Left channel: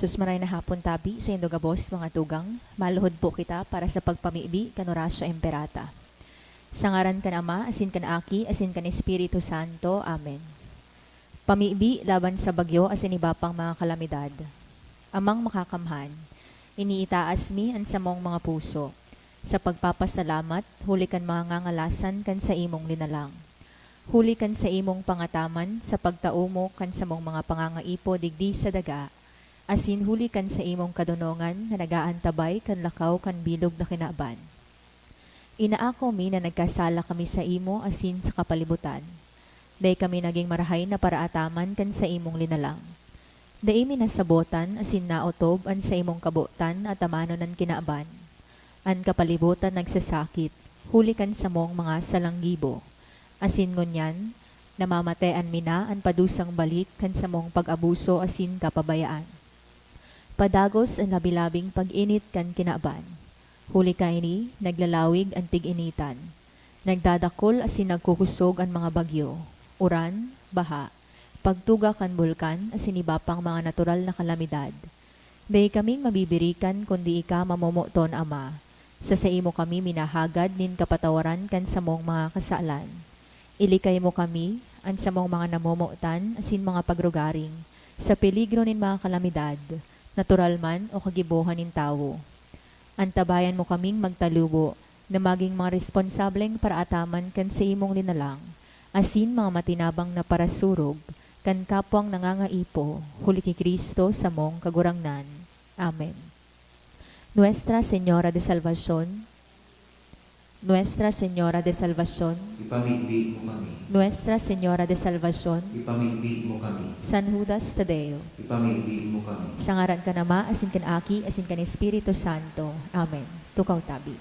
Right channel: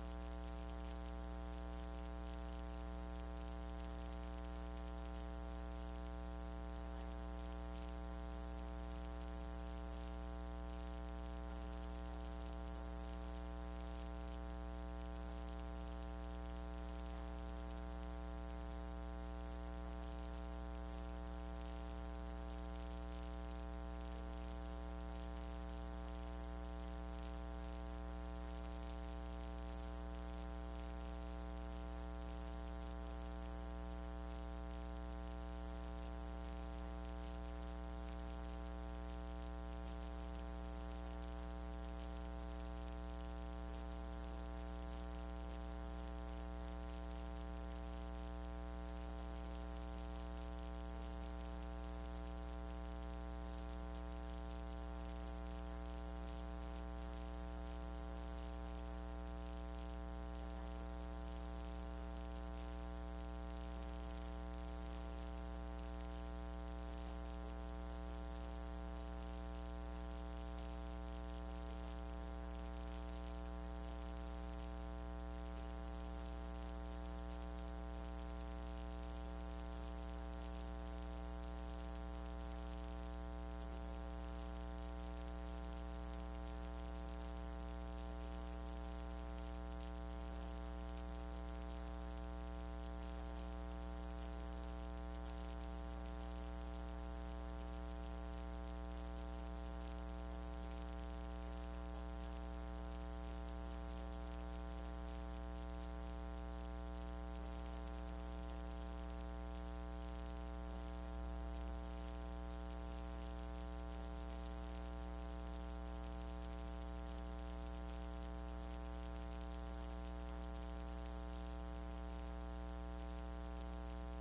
Sus maray na hapon tabi sa indogabos mga tugang, maluhod po kita para sa pagpamibi kanurasyo emperata. Sa ngaran kan Ama, asin kan Aki, asin kan Espiritu Santo. Amen. Pamibi laban sa bagyo asin iba pang mga kalamidad. Amang makakamhan, iniitaas mi ang samong mga puso. Sa pagpapasalamat, huli kan mga ngangalasan kan sa imong linalang. Huli kan sa imong pangataman, sa pagtaumo kan sa mong mga pangangaipo digdi sa daga, asin huli kan sa imong kadunongan na nagaantabay kan lakaw kan bilog na kinaban. Inaako mi na nagkasala kami sa imo asin sa kapalibutan. Day kami naging marahay na paraataman kan sa imong linalang. Day mi nasabotan asin naotob an sa imong kabutan at amano ng kinaaban. An kapalibutan nagsasakit, huli kan sa mong mga salanggibo. Asin ngunyan, namamatean mi na an padusang balik kan sa mong pag-abuso asin kapabayaan. Padagos ang labilabing pag-init kan kinaaban. Huli ka ini, naglalawig ang tig-initan. Nagdadakol asin nagkukusog ang mga bagyo. Uran, baha, pagtuga kan bulkan asin iba pang mga natural na kalamidad. Day kaming mabibirikan kundi ika mamumuton Ama. Sa imo kami minahagad nin kapatawaran kan sa mong mga kasalan. Ilikay mo kami, an sa mong mga namumutan asin mga pagrugaring, sa peligro nin mga kalamidad, natural man o kagibuhan nin tao. Antabayan mo kaming magtalubo na maging mga responsableng paraataman kan sa imong linalang, asin mga matinabang na parasurog, kan kapwang nangangaipo, huli ki Kristo sa mong kagurangnan. Amen. Nuestra Señora de Salvación, Nuestra Señora de Salvación, Ipamigbi mo kami. Nuestra Señora de Salvación, Ipamigbi mo kami. San Judas Tadeo, Ipamigbi mo kami. sa ngaran ka Ama, asin kan Aki, asin kan Espiritu Santo. Amen. Tukaw tabi.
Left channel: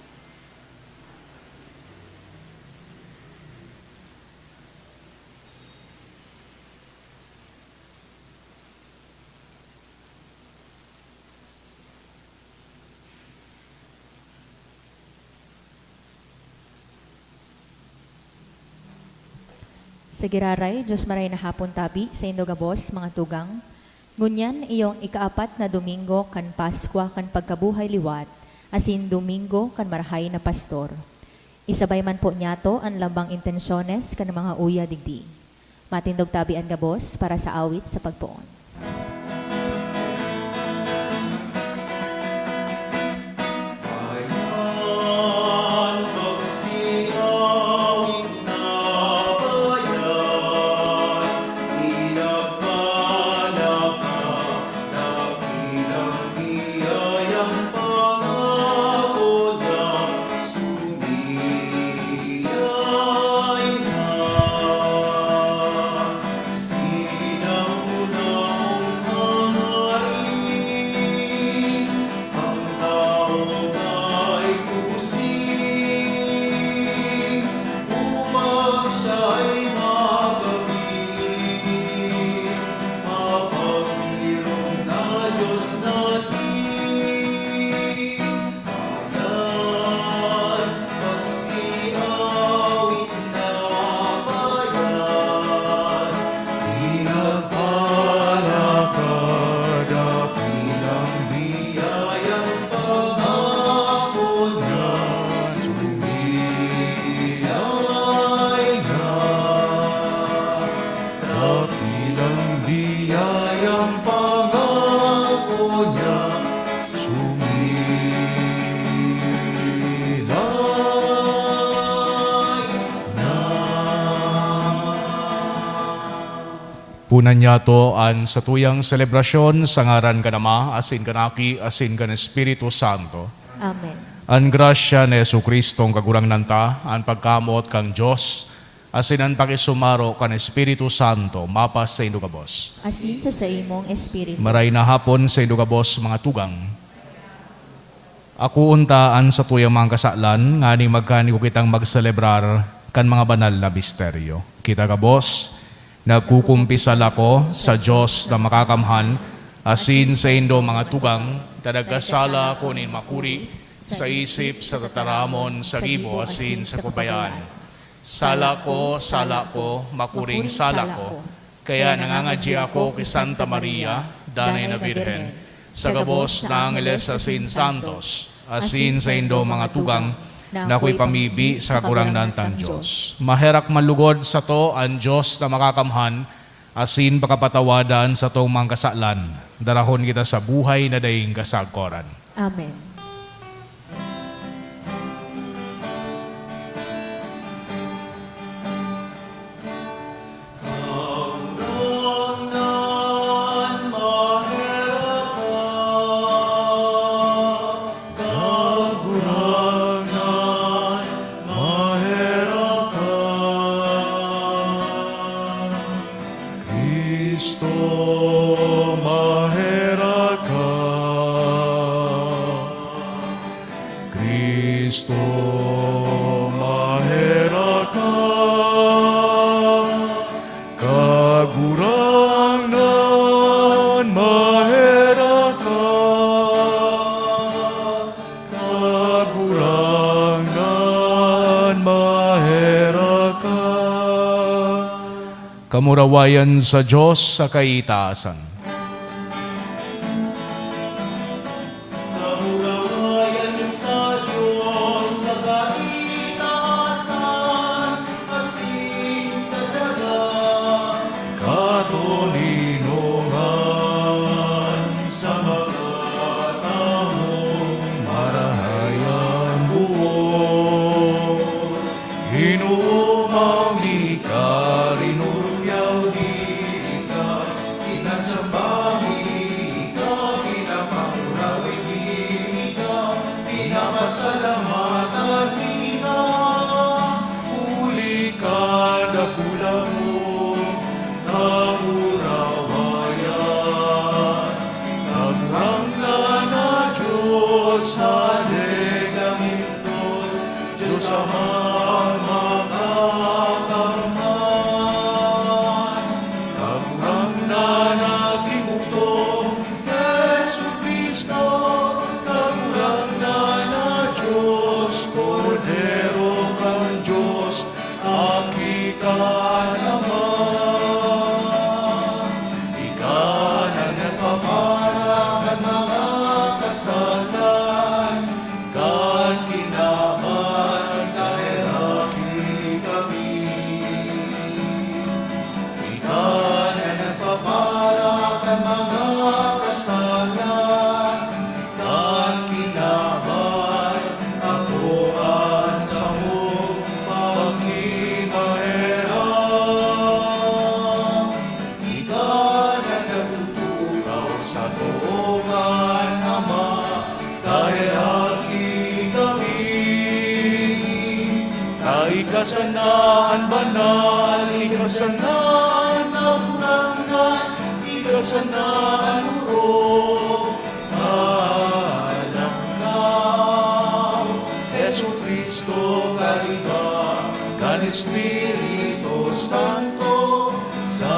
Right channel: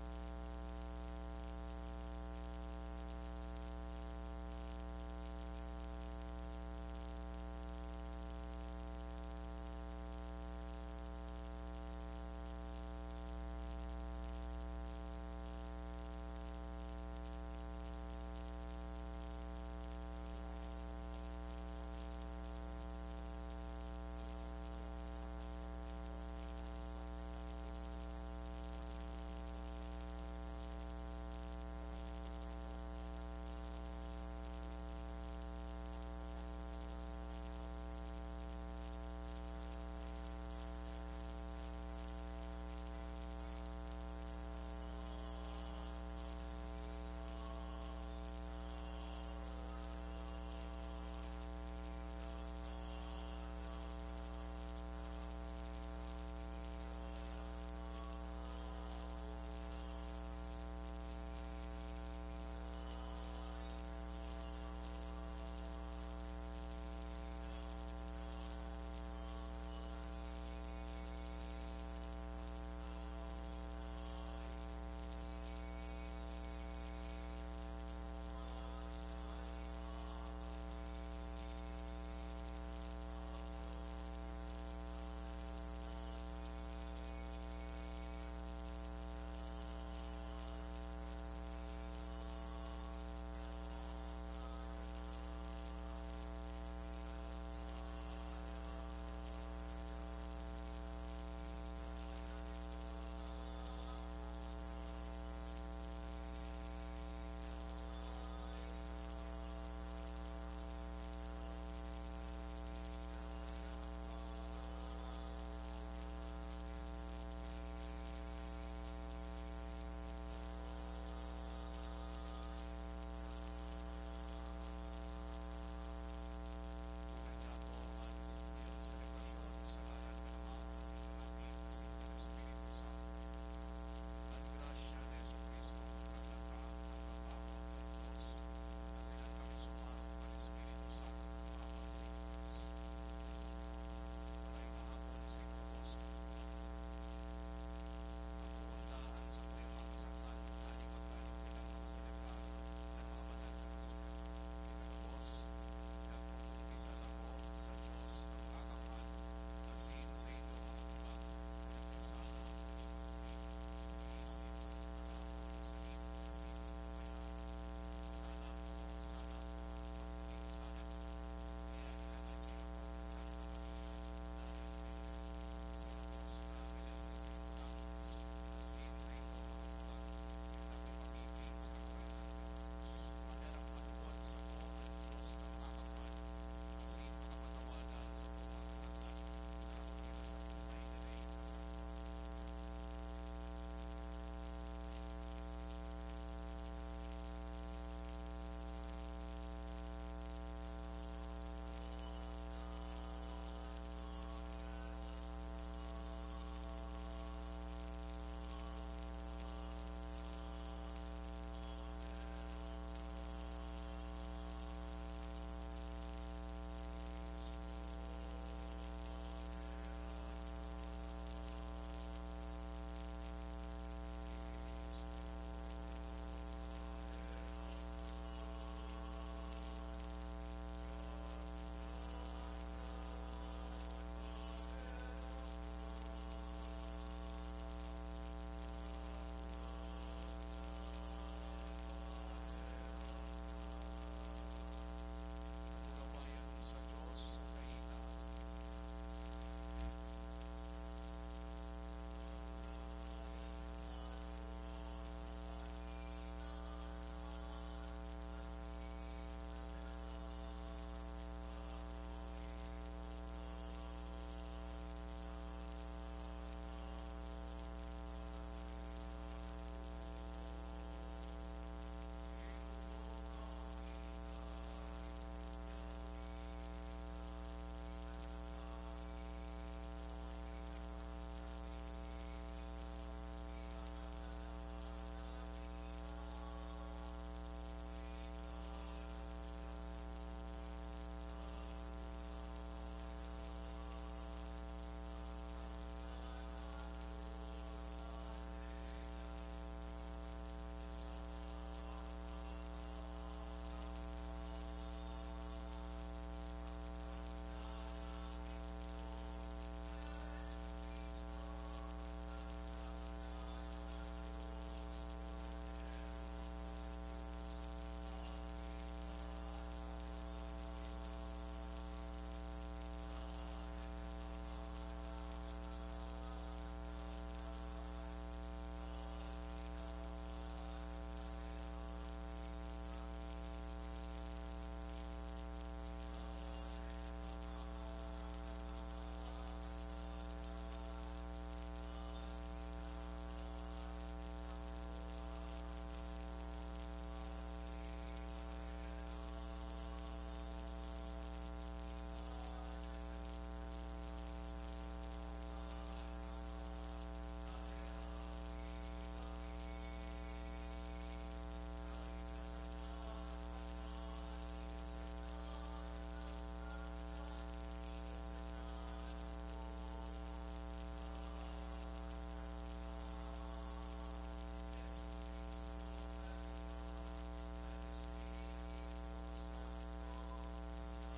Sa giraray, Diyos maray na hapon tabi, sa indogabos, mga tugang, ngunyan iyong ikaapat na Domingo kan Paskwa kan pagkabuhay liwat, asin Domingo kan marahay na pastor. Isabay man po niyato ang lambang intensyones kan mga uya digdi. Matindog tabi ang gabos para sa awit sa pagpoon. Punan niya to an sa tuyang selebrasyon sa ngaran ka Ama, asin kan Aki, asin kan Espiritu Santo. Amen. An grasya ni Jesucristo ang kagurangnan ta, an pagkamot kang Diyos, asin an pakisumaro kan Espiritu Santo, mapas sa indugabos. Asin sa imong Espiritu. Maray na hapon sa indugabos mga tugang. Ako untaan sa tuyang mga kasalan, nga ni magkani ko kitang magselebrar kan mga banal na misteryo. Kita kabos, nagkukumpisal ako sa Diyos na makakamhan, asin sa indo mga tugang, tadagkasala ko nin makuri, sa isip, sa tataramon, sa gibo, asin sa kubayan. Sala ko, makuring sala ko, kaya nangangadya ako kay Santa Maria, Danay na Birhen. sa gabos na Angeles sa Sin Santos, asin sa indo mga tugang, na ako'y pamibi sa kakurangnan tang Diyos. Maherak malugod sa to ang Diyos na makakamhan, asin pakapatawadan sa tong mga kasalan. Darahon kita sa buhay na daing kasagkoran. Amen. Kristo, mahera ka. Kristo, mahera ka. Kagurangan, mahera ka. Kagurangan, mahera ka. Kamurawayan sa Diyos sa kaitaasan. Kamurawayan sa Diyos sa kaitaasan, asin sa dagat. Katoninongan sa mga taong marahayan buo. Inuumang di ka rinuryaw di ka, Sinasambahi ka, pinapamurawi ka, pinapasalamatan ka. uli ka dakulang mo, kamurawayan. Naguranglan na Diyos sa legamindon, Diyos Amang makakamhan. Naguranglan na kimutong Yesu Kristo, naguranglan na Diyos, Kordero kang Diyos, aki ka naman. Ikaw na nagpaparang ng mga kasalan, kan kinaman kahiraki kami. Ikaw na nagpaparang ng mga kasalan, kan kinaman ako at sa mong pagkimahirap. Ikaw na nagtutukaw sa tuungan, Ama, kahiraki kami. Kaikasanaan banal, ikasanaan naburangan, ikasanaan uro. Alam ka, Yesu Kristo kariba, kan Espiritu Santo, sa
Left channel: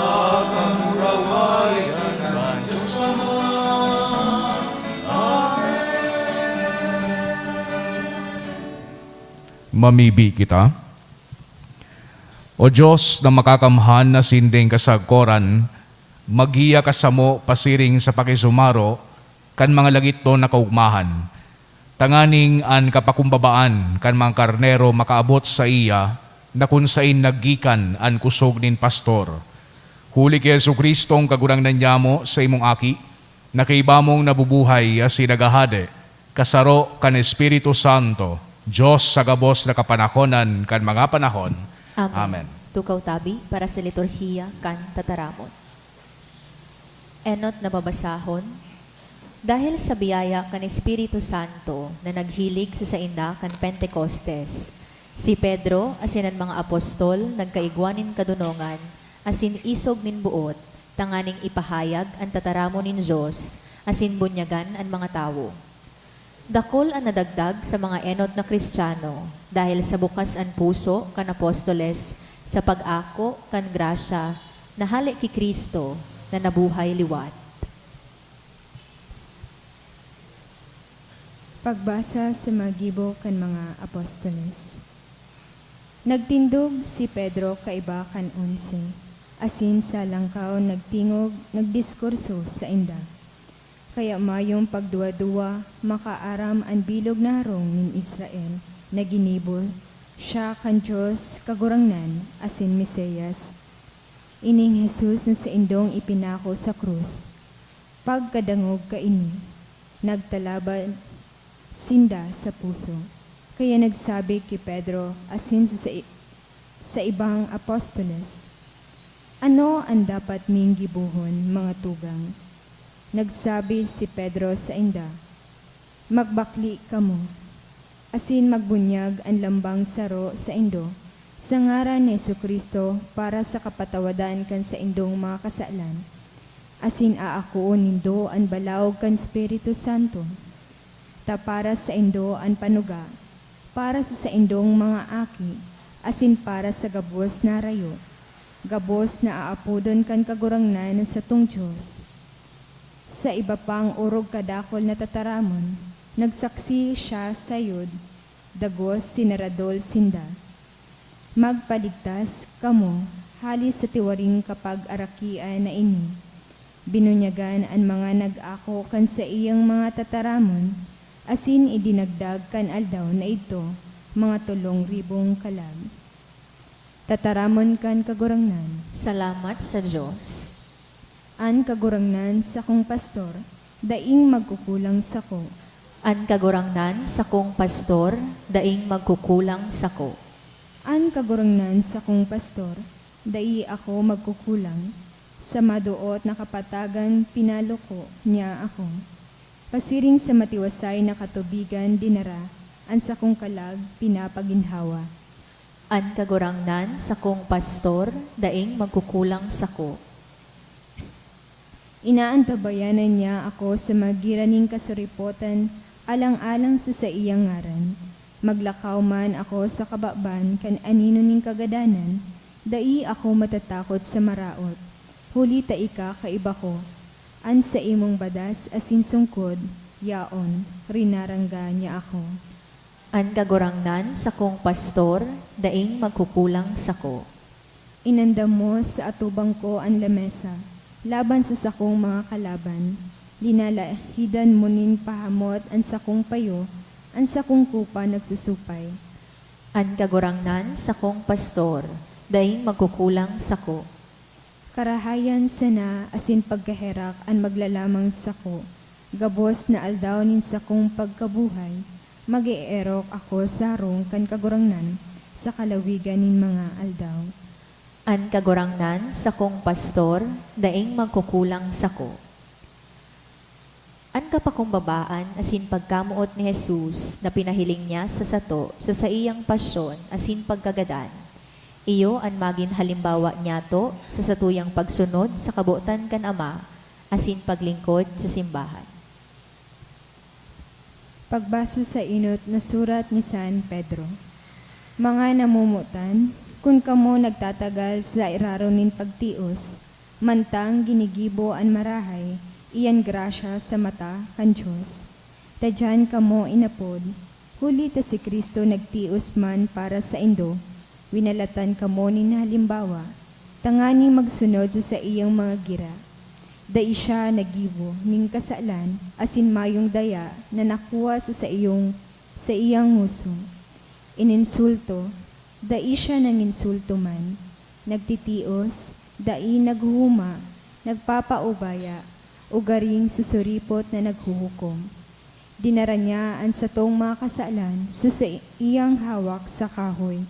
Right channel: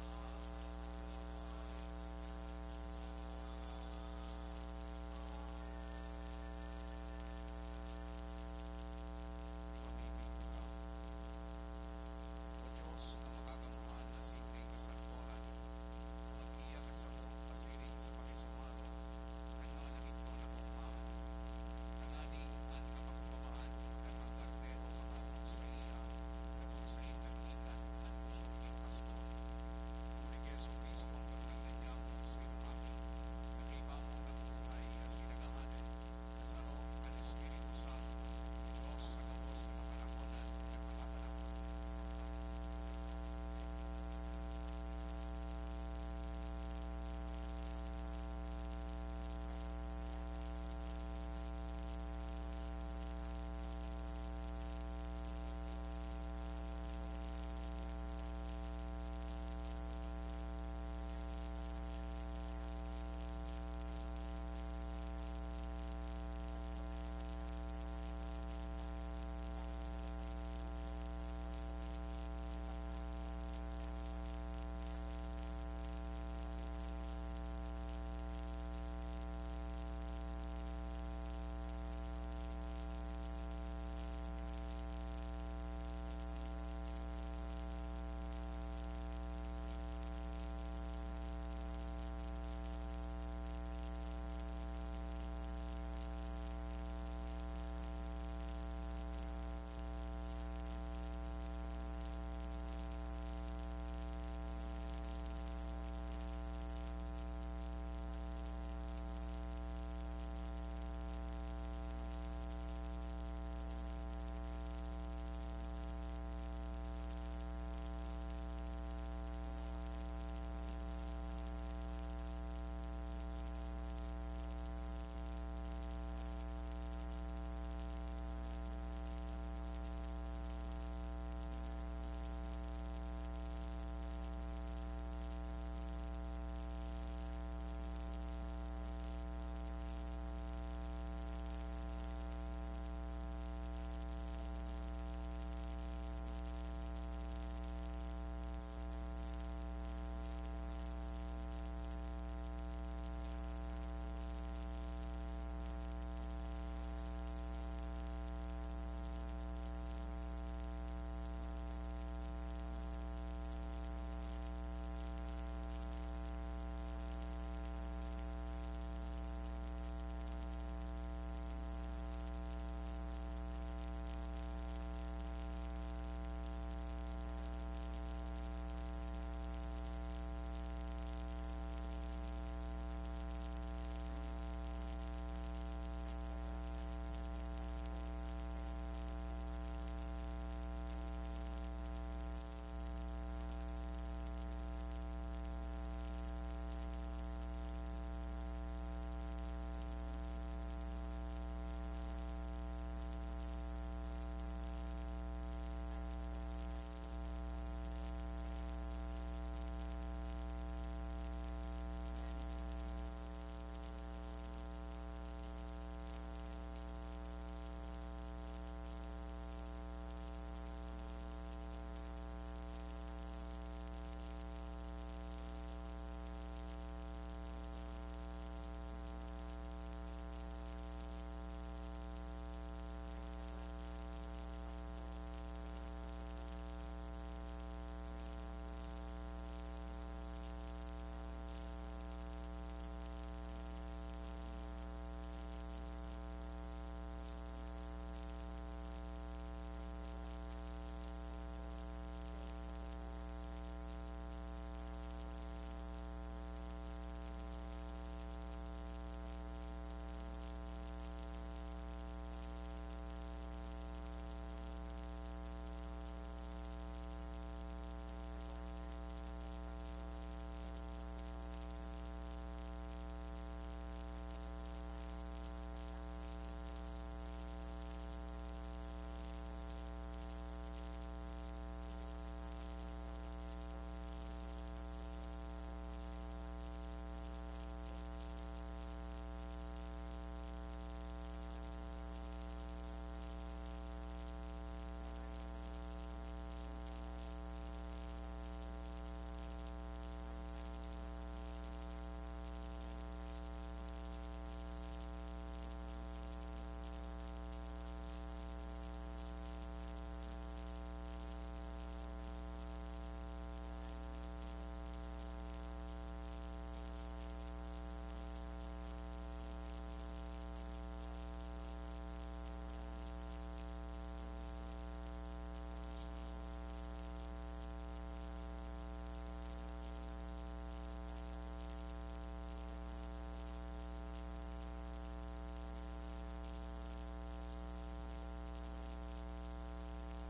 kamurawayan ng Diyos Ama. Mamibi kita. O Diyos na makakamhan na sinding kasagkoran, magiya kasamo pasiring sa pakisumaro, kan mga lagit to nakaugmahan. Tanganing an kapakumbabaan, kan mga karnero makaabot sa iya, na kung sain naggikan an kusog nin pastor. Huli kay Yesu Kristo ang kagurangnan niya mo sa imong aki, na kaiba mong nabubuhay as sinagahade, kasaro kan Espiritu Santo, Diyos sa gabos na kapanahonan kan mga panahon. Amen. Tukaw tabi para sa liturhiya kan tataramon. Enot na babasahon, dahil sa biyaya kan Espiritu Santo na naghilig sa sainda kan Pentecostes, si Pedro asinan mga apostol nagkaigwanin kadunongan, asin isog nin buot, tanganing ipahayag ang tataramon nin Diyos, asin bunyagan ang mga tawo. Dakol ang nadagdag sa mga enod na Kristiyano dahil sa bukas ang puso kan apostoles sa pag-ako kan grasya na halik ki Kristo na nabuhay liwat. Pagbasa sa magibo kan mga apostoles. Nagtindog si Pedro kaiba kan 11, asin sa langkaw nagtingog, nagdiskurso sa inda. Kaya mayong pagduwa-duwa, makaaram ang bilog na harong nin Israel, na ginibol, siya kan Diyos kagurangnan, asin Mesiyas. Ining Jesus na sa indong ipinako sa krus. Pagkadangog kaini, nagtalaban sinda sa puso. Kaya nagsabi kay Pedro, asin sa ibang apostoles, ano ang dapat ming gibuhon, mga tugang? Nagsabi si Pedro sa inda, magbakli kamo, asin magbunyag ang lambang saro sa indo, sa ngaran ni Jesucristo para sa kapatawadan kan sa indong mga kasalan, asin aakuon nindo ang balaog kan Espiritu Santo, ta para sa indo ang panuga, para sa indong mga aki, asin para sa gabos na rayo, gabos na aapudon kan kagurangnan sa tung Diyos. Sa iba pang urog kadakol na tataramon, nagsaksi siya sayod, dagos sinaradol sinda. Magpaligtas kamo, halis sa tiwaring kapag arakian na ini. Binunyagan ang mga nag-ako kan sa iyang mga tataramon, asin idinagdag kan aldaw na ito, mga 3,000 kalag. Tataramon kan kagurangnan, Salamat sa Diyos. an kagurangnan sa kong pastor, daing magkukulang sa ko. An kagurangnan sa kong pastor, daing magkukulang sa ko. An kagurangnan sa kong pastor, dai ako magkukulang. Sa maduot na kapatagan, pinalo ko niya ako. Pasiring sa matiwasay na katubigan, dinara, an sa kong kalag, pinapaginhawa. An kagurangnan sa kong pastor, daing magkukulang sa ko. Inaantabayanan niya ako sa magiraning kasuripotan, alang-alang sa iyang ngaran. Maglakaw man ako sa kababan, kan anino ning kagadanan, dai ako matatakot sa maraot. Huli ta ika kaiba ko, an sa imong badas asin sungkod, yaon, rinarangga niya ako. An kagurangnan sa kong pastor, daing magkukulang sa ko. Inandam mo sa atubang ko ang lamesa, laban sa sakong mga kalaban. Linalahidan mo nin pahamot ang sakong payo, ang sakong kupa nagsusupay. An kagurangnan sa kong pastor, daing magkukulang sa ko. Karahayan sana asin pagkaherak ang maglalamang sako, gabos na aldaw nin sakong pagkabuhay, mag-eerok ako sa harong kan kagurangnan sa kalawigan nin mga aldaw. An kagurangnan sa kong pastor, daing magkukulang sa ko. An kapakumbabaan asin pagkamuot ni Jesus na pinahiling niya sa sato sa iyang pasyon asin pagkagadan. Iyo an magin halimbawa niyato sa satuyang pagsunod sa kabuotan kan Ama asin paglingkod sa simbahan. Pagbasa sa inot na surat ni San Pedro. Mga namumutan, kung kamo nagtatagal sa iraro nin pagtios, mantang ginigibo an marahay, iyan grasya sa mata kan Diyos. Tadyan kamo inapod, huli ta si Kristo nagtios man para sa indo, winalatan kamo nin halimbawa, tangani magsunod sa iyang mga gira. Dai siya nagibo ning kasalan, asin mayong daya na nakuha sa iyang muso. Ininsulto, dai siya nanginsulto man, nagtitios, dai naghuhuma, nagpapaubaya, ugaring sa suripot na naghuhukom. Dinara niya ang satong mga kasalan sa iyang hawak sa kahoy.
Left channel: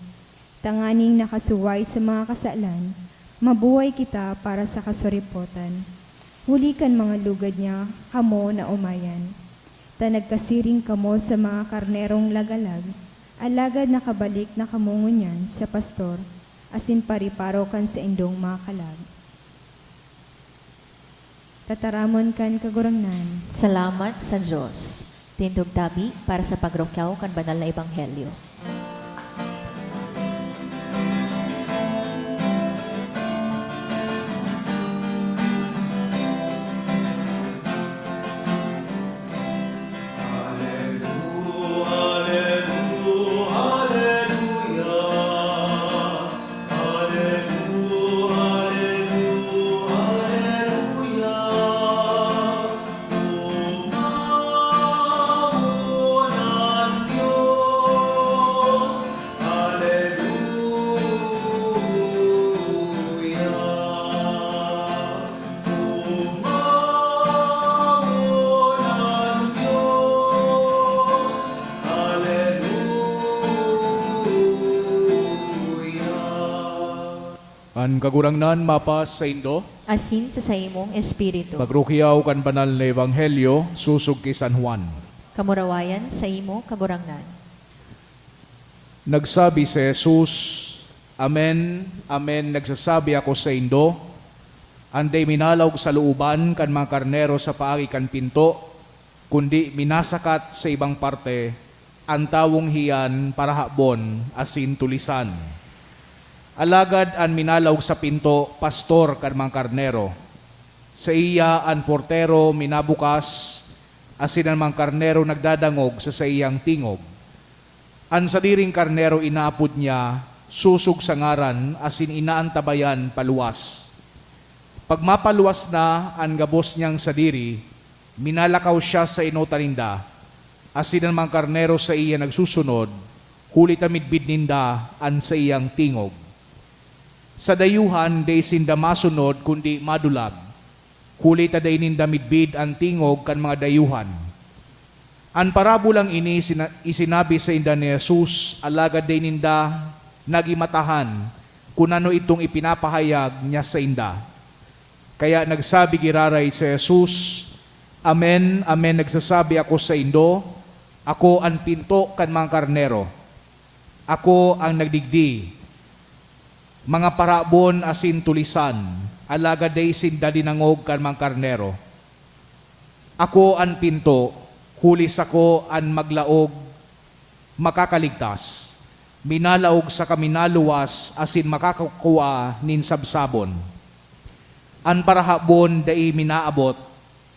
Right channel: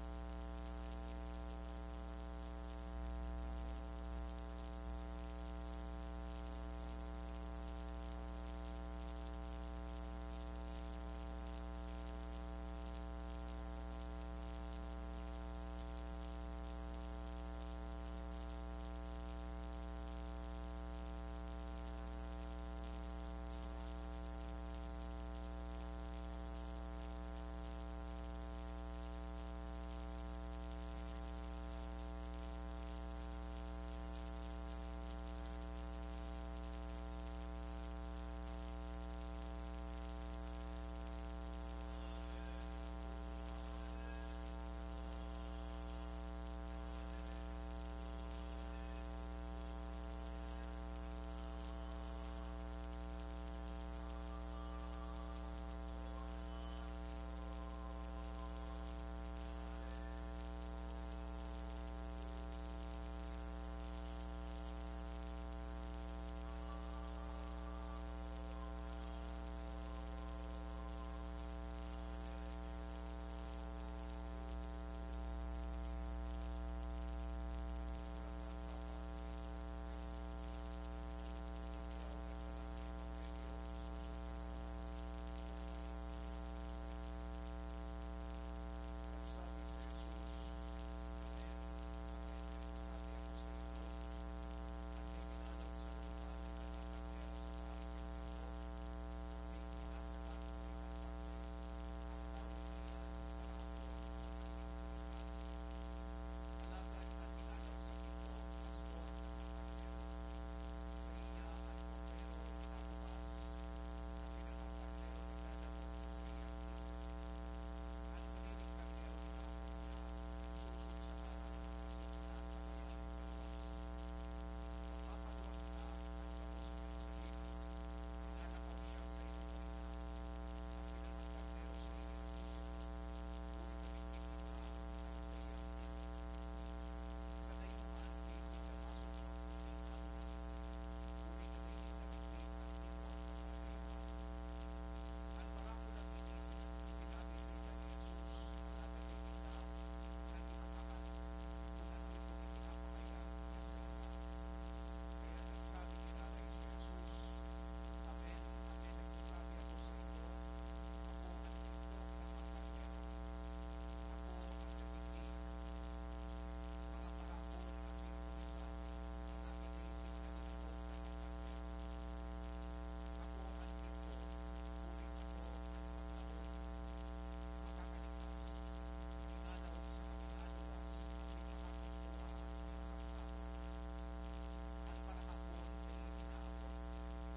Tanganing nakasuway sa mga kasalan, mabuhay kita para sa kasuripotan. Huli kan mga lugad niya, kamo na umayan. Ta nagkasiring kamo sa mga karnerong lagalag, alagad nakabalik na kamo ngunyan sa pastor, asin pariparo kan sa indong mga kalag. Tataramon kan kagurangnan, Salamat sa Diyos. Tindog tabi para sa pagrokyaw kan banal na ebanghelyo. An kagurangnan mapas sa Indo, asin sa imong espiritu. pagrukiyaw kan banal na ebanghelyo, susog kay San Juan. Kamurawayan sa imo kagurangnan. Nagsabi si Jesus, Amen, Amen, nagsasabi ako sa Indo, anday minalawg sa looban kan mga karnero sa paagi kan pinto, kundi minasakat sa ibang parte, ang tawong hiyan para habon asin tulisan. Alagad an minalawg sa pinto, pastor kan mga karnero. Sa iya an portero minabukas, asin ang mga karnero nagdadangog sa iyang tingog. An sadiring karnero inaapod niya, susog sa ngaran, asin inaantabayan paluwas. Pag mapaluwas na ang gabos niyang sadiri, minalakaw siya sa inotaninda, asin ang mga karnero sa iya nagsusunod, huli tamidbid ninda an sa iyang tingog. Sa dayuhan, day sinda masunod, kundi madulag. Huli taday ninda midbid ang tingog kan mga dayuhan. An parabulang ini isinabi sa inda ni Jesus, alagad day ninda nagimatahan kung ano itong ipinapahayag niya sa inda. Kaya nagsabi giraray si Jesus, Amen, Amen, nagsasabi ako sa Indo, ako ang pinto kan mga karnero. Ako ang nagdigdi. Mga parabon asin tulisan, alagad day sinda dinangog kan mga karnero. Ako ang pinto, hulis ako ang maglaog, makakaligtas. Minalaog sa kaminaluwas asin makakakuha nin sabsabon. An parahabon dai minaabot,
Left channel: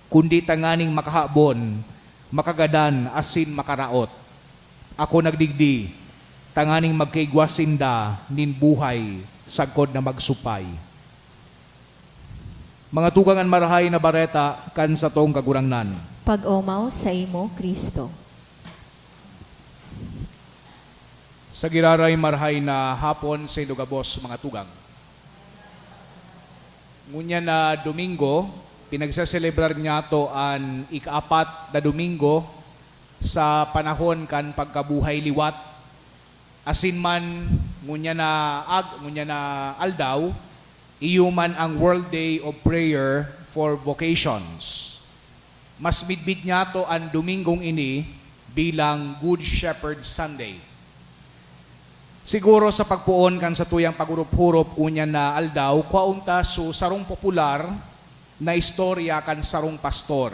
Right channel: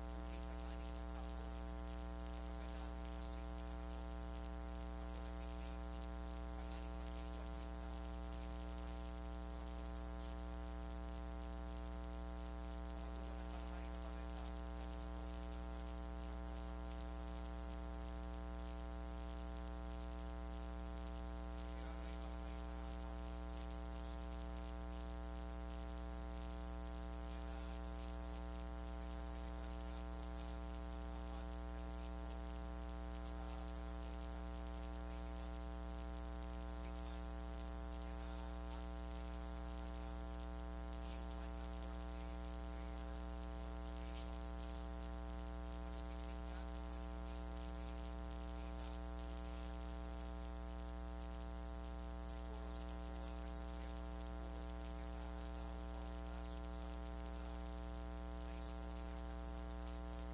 kundi tanganing makahabon, makagadan asin makaraot. Ako nagdigdi, tanganing magkaigwasinda nin buhay, sagkod na magsupay. Mga tugangan marahay na bareta kan sa tong kagurangnan. Pag-omaw sa imo, Kristo. Sa giraray marahay na hapon sa Indogabos, mga tugang. Ngunya na Domingo, pinagsaselebrar niya to an ikaapat na Domingo sa panahon kan pagkabuhay liwat. Asin man ngunya na aldaw, iyuman ang World Day of Prayer for Vocations. Mas midbid niya to ang Domingong ini bilang Good Shepherd Sunday. Siguro sa pagpuon kan sa tuyang pagurup-hurup unya na aldaw, kwaunta so sarong popular na istorya kan sarong pastor.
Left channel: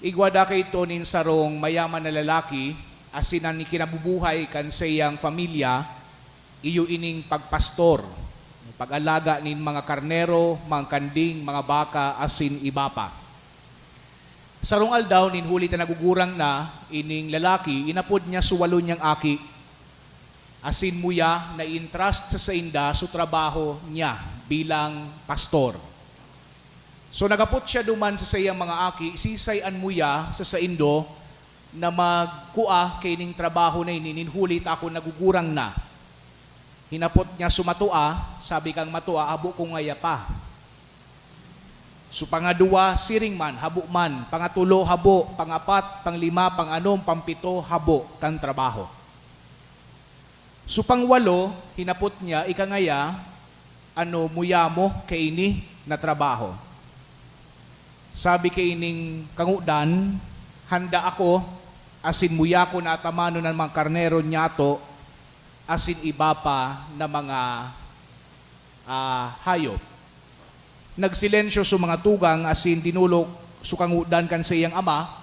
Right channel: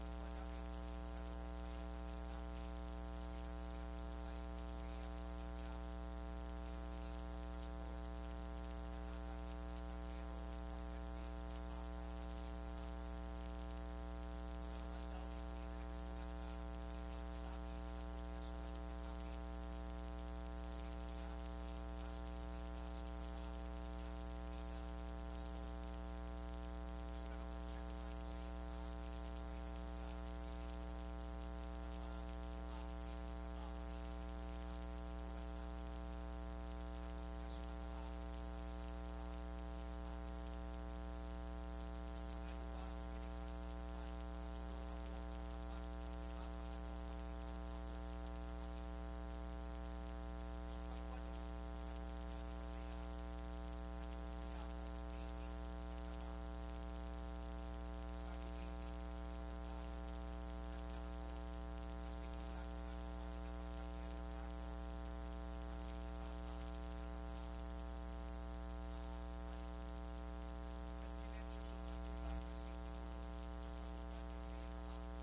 Igwada kay ito nin sarong mayaman na lalaki, asinan ni kinabubuhay kan sa iyang pamilya, iyo ining pagpastor, pag-alaga nin mga karnero, mga kanding, mga baka, asin iba pa. Sarong aldaw, nin huli na nagugurang na, ining lalaki, inapod niya suwalo niyang aki, asin muya na entrust sa inda sa trabaho niya bilang pastor. So nagapot siya duman sa iyang mga aki, sisayan muya sa indo, na magkua kay ning trabaho na ini, hulit ako nagugurang na. Hinapot niya sumatua, sabi kang matua, habo ko ngaya pa. So pangadua, siring man, habo man. Pangatulo, habo. Pangapat, panglima, panganom, pampito, habo kang trabaho. So pangwalo, hinapot niya, ikangaya, muya mo kay ini na trabaho. Sabi kay ining kangudan, handa ako, asin muya ko na atamano ng mga karnero niya to, asin iba pa na mga hayop. Nagsilensyo sa mga tugang, asin dinulok sukangudan kan sa iyang ama,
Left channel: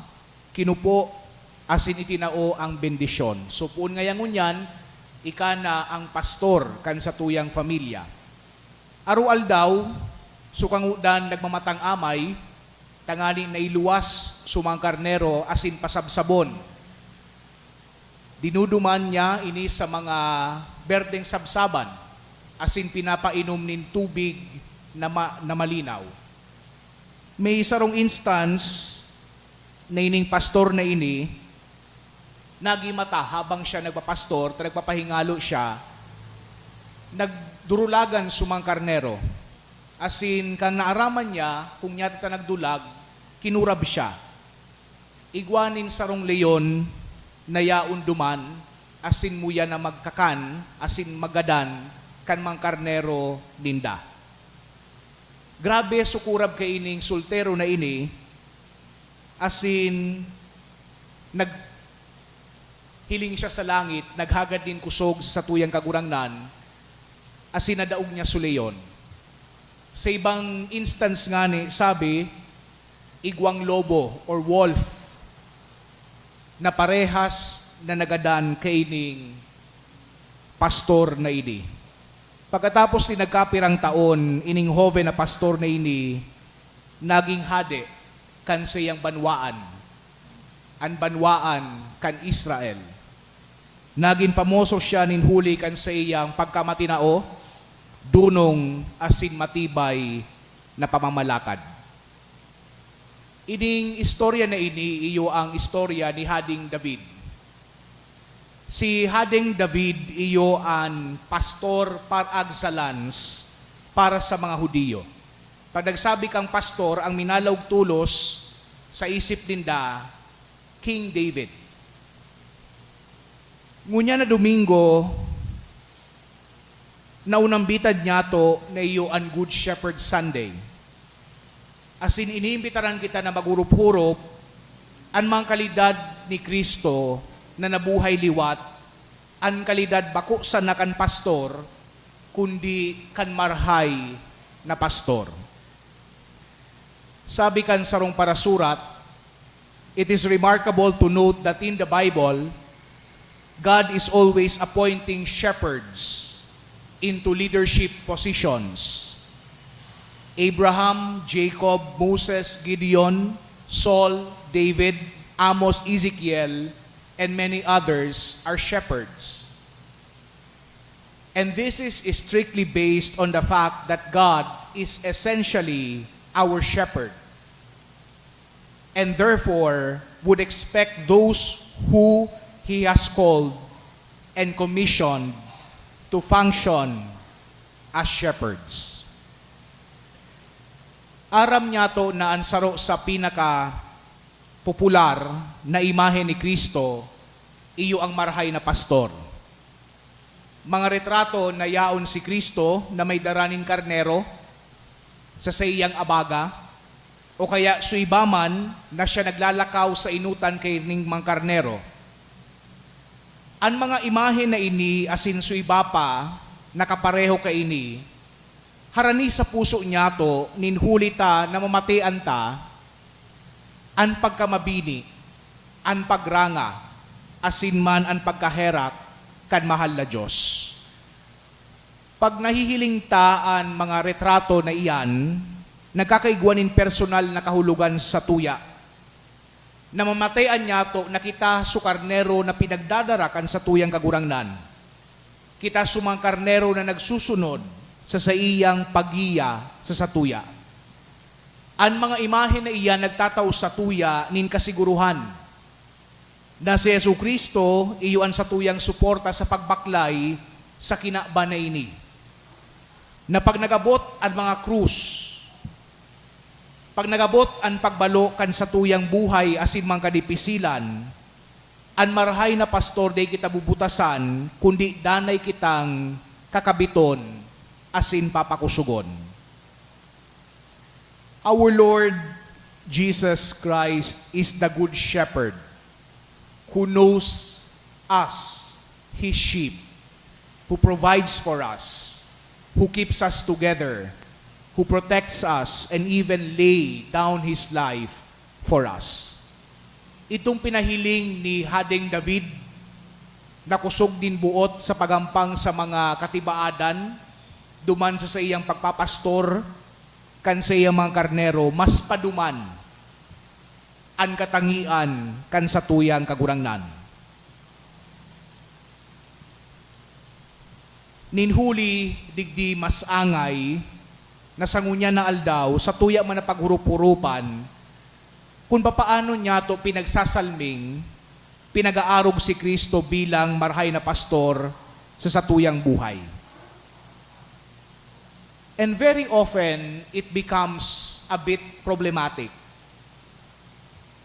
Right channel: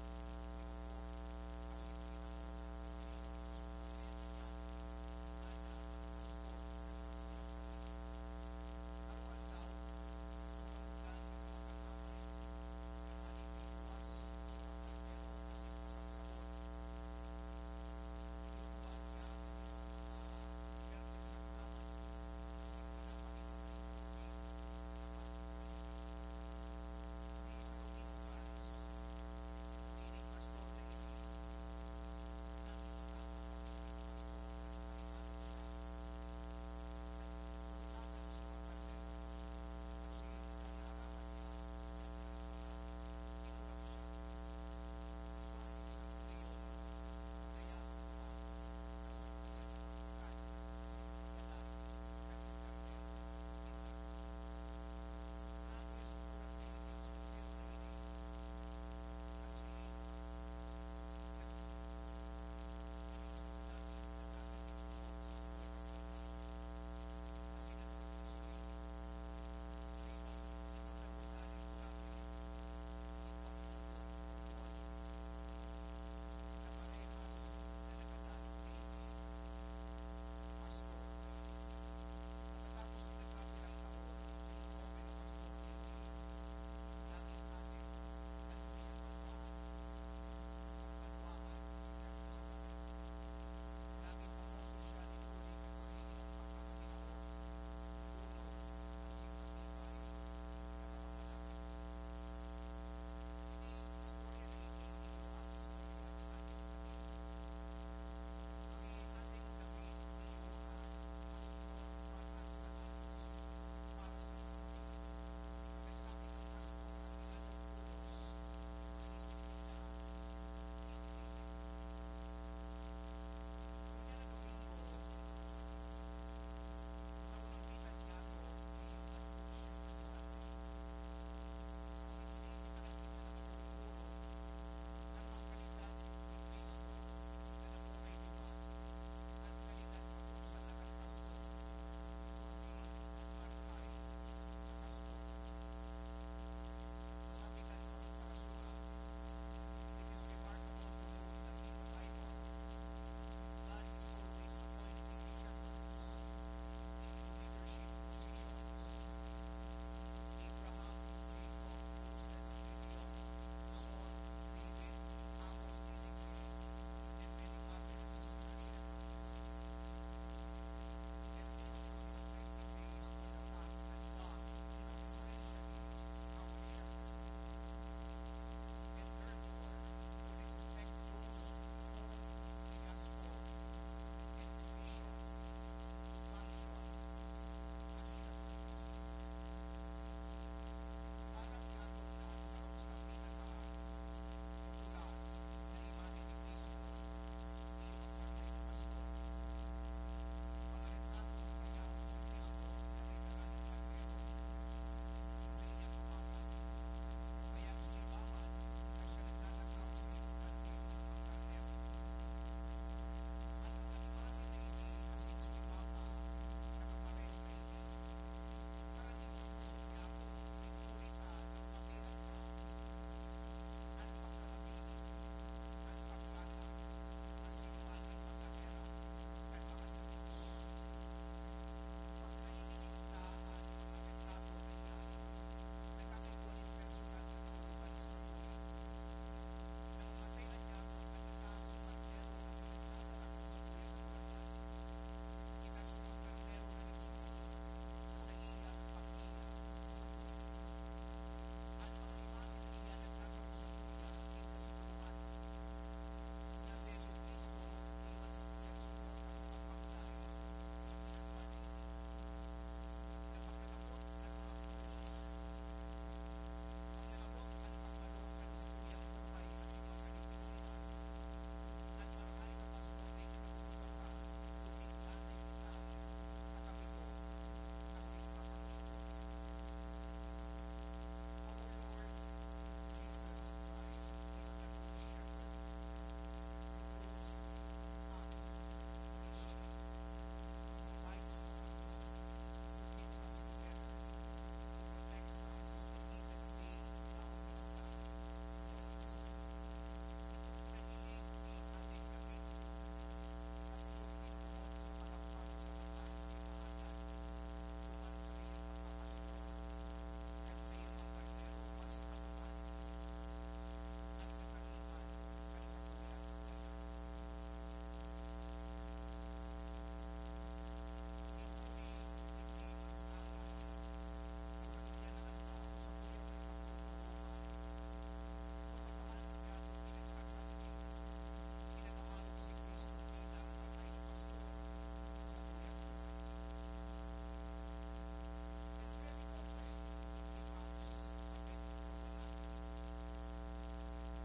kinupo, asin itinao ang bendisyon. So puun ngayang unyan, ika na ang pastor kan sa tuyang familia. Arual daw, sukangudan nagmamatang amay, tanganing nailuwas sumang karnero asin pasabsabon. Dinuduman niya ini sa mga berdeng sabsaban asin pinapainom nin tubig na malinaw. May sarong instance na ining pastor na ini nagimata habang siya nagpapastor, nagpapahingalo siya, nagdurulagan sumang karnero. Asin kang naaraman niya, kung niya ta nagdulag, kinurab siya. Igwanin sarong leyon na yaon duman, asin muya na magkakan, asin magadan, kan mang karnero ninda. Grabe sukurab kay ining soltero na ini, asin naghiling siya sa langit, naghagad din kusog sa tuyang kagurangnan, asin nadaog niya suleyon. Sa ibang instance nga ni, sabi, igwang lobo or wolf na parehas na nagadan kay ining pastor na ini. Pagkatapos ni nagkapirang taon, ining hoven na pastor na ini, naging hade kan siyang banwaan. An banwaan kan Israel. Naging famoso siya ninhuli kan siyang pagkamatinao, dunong asin matibay na pamamalakad. Ining istorya na ini, iyo ang istorya ni Hading David. Si Hading David iyo an pastor par excellence para sa mga Hudiyo. Pag nagsabi kang pastor, ang minalaw tulos sa isip ninda, King David. Ngunya na Domingo, naunambitad niya to na iyo an Good Shepherd Sunday. Asin iniimbitaran kita na magurup-hurup an mga kalidad ni Kristo na nabuhay liwat, an kalidad bako sa nakan pastor, kundi kan marhay na pastor. Sabi kan sarong parasurat, it is remarkable to note that in the Bible, God is always appointing shepherds into leadership positions. Abraham, Jacob, Moses, Gideon, Saul, David, Amos, Ezekiel, and many others are shepherds. And this is strictly based on the fact that God is essentially our shepherd, and therefore would expect those who He has called and commissioned to function as shepherds. Aram niya to na ansaro sa pinaka popular na imahe ni Kristo, iyo ang marhay na pastor. Mga retrato na yaon si Kristo na may daraning karnero sa sayang abaga, o kaya suibaman na siya naglalakaw sa inutan kay ning mga karnero. Ang mga imahe na ini asin suiba pa nakapareho kay ini, harani sa puso niya to ninhulita na mamatian ta an pagkamabini, an pagranga, asin man an pagkaherak kan mahal na Diyos. Pag nahihiling ta an mga retrato na iyan, nagkakaigwanin personal na kahulugan sa tuya. Na mamatayan niya to, na kita sukarnero na pinagdadarakan sa tuyang kagurangnan. Kita sumang karnero na nagsusunod sa iyang pagiya sa satuya. Ang mga imahe na iyan nagtataw sa tuya nin kasiguruhan na si Jesucristo iyuan sa tuyang suporta sa pagbaklay sa kinaba na ini. Na pag nagabot ang mga krus, pag nagabot ang pagbalo kan sa tuyang buhay asin mang kadipisilan, ang marhay na pastor day kita bubutasan, kundi danay kitang kakabiton asin papakusugon. Our Lord Jesus Christ is the Good Shepherd who knows us, His sheep, who provides for us, who keeps us together, who protects us, and even lay down His life for us. Itong pinahiling ni Hading David na kusog din buot sa pagampang sa mga katibaadan, duman sa iyang pagpapastor, kan sa iyang mga karnero, mas paduman an katangian kan sa tuyang kagurangnan. Ninhuli digdi mas angay na sangunya na aldaw sa tuya man na paghurup-hurupan kung papaano niya to pinagsasalming, pinag-aarog si Kristo bilang marhay na pastor sa satuyang buhay. And very often, it becomes a bit problematic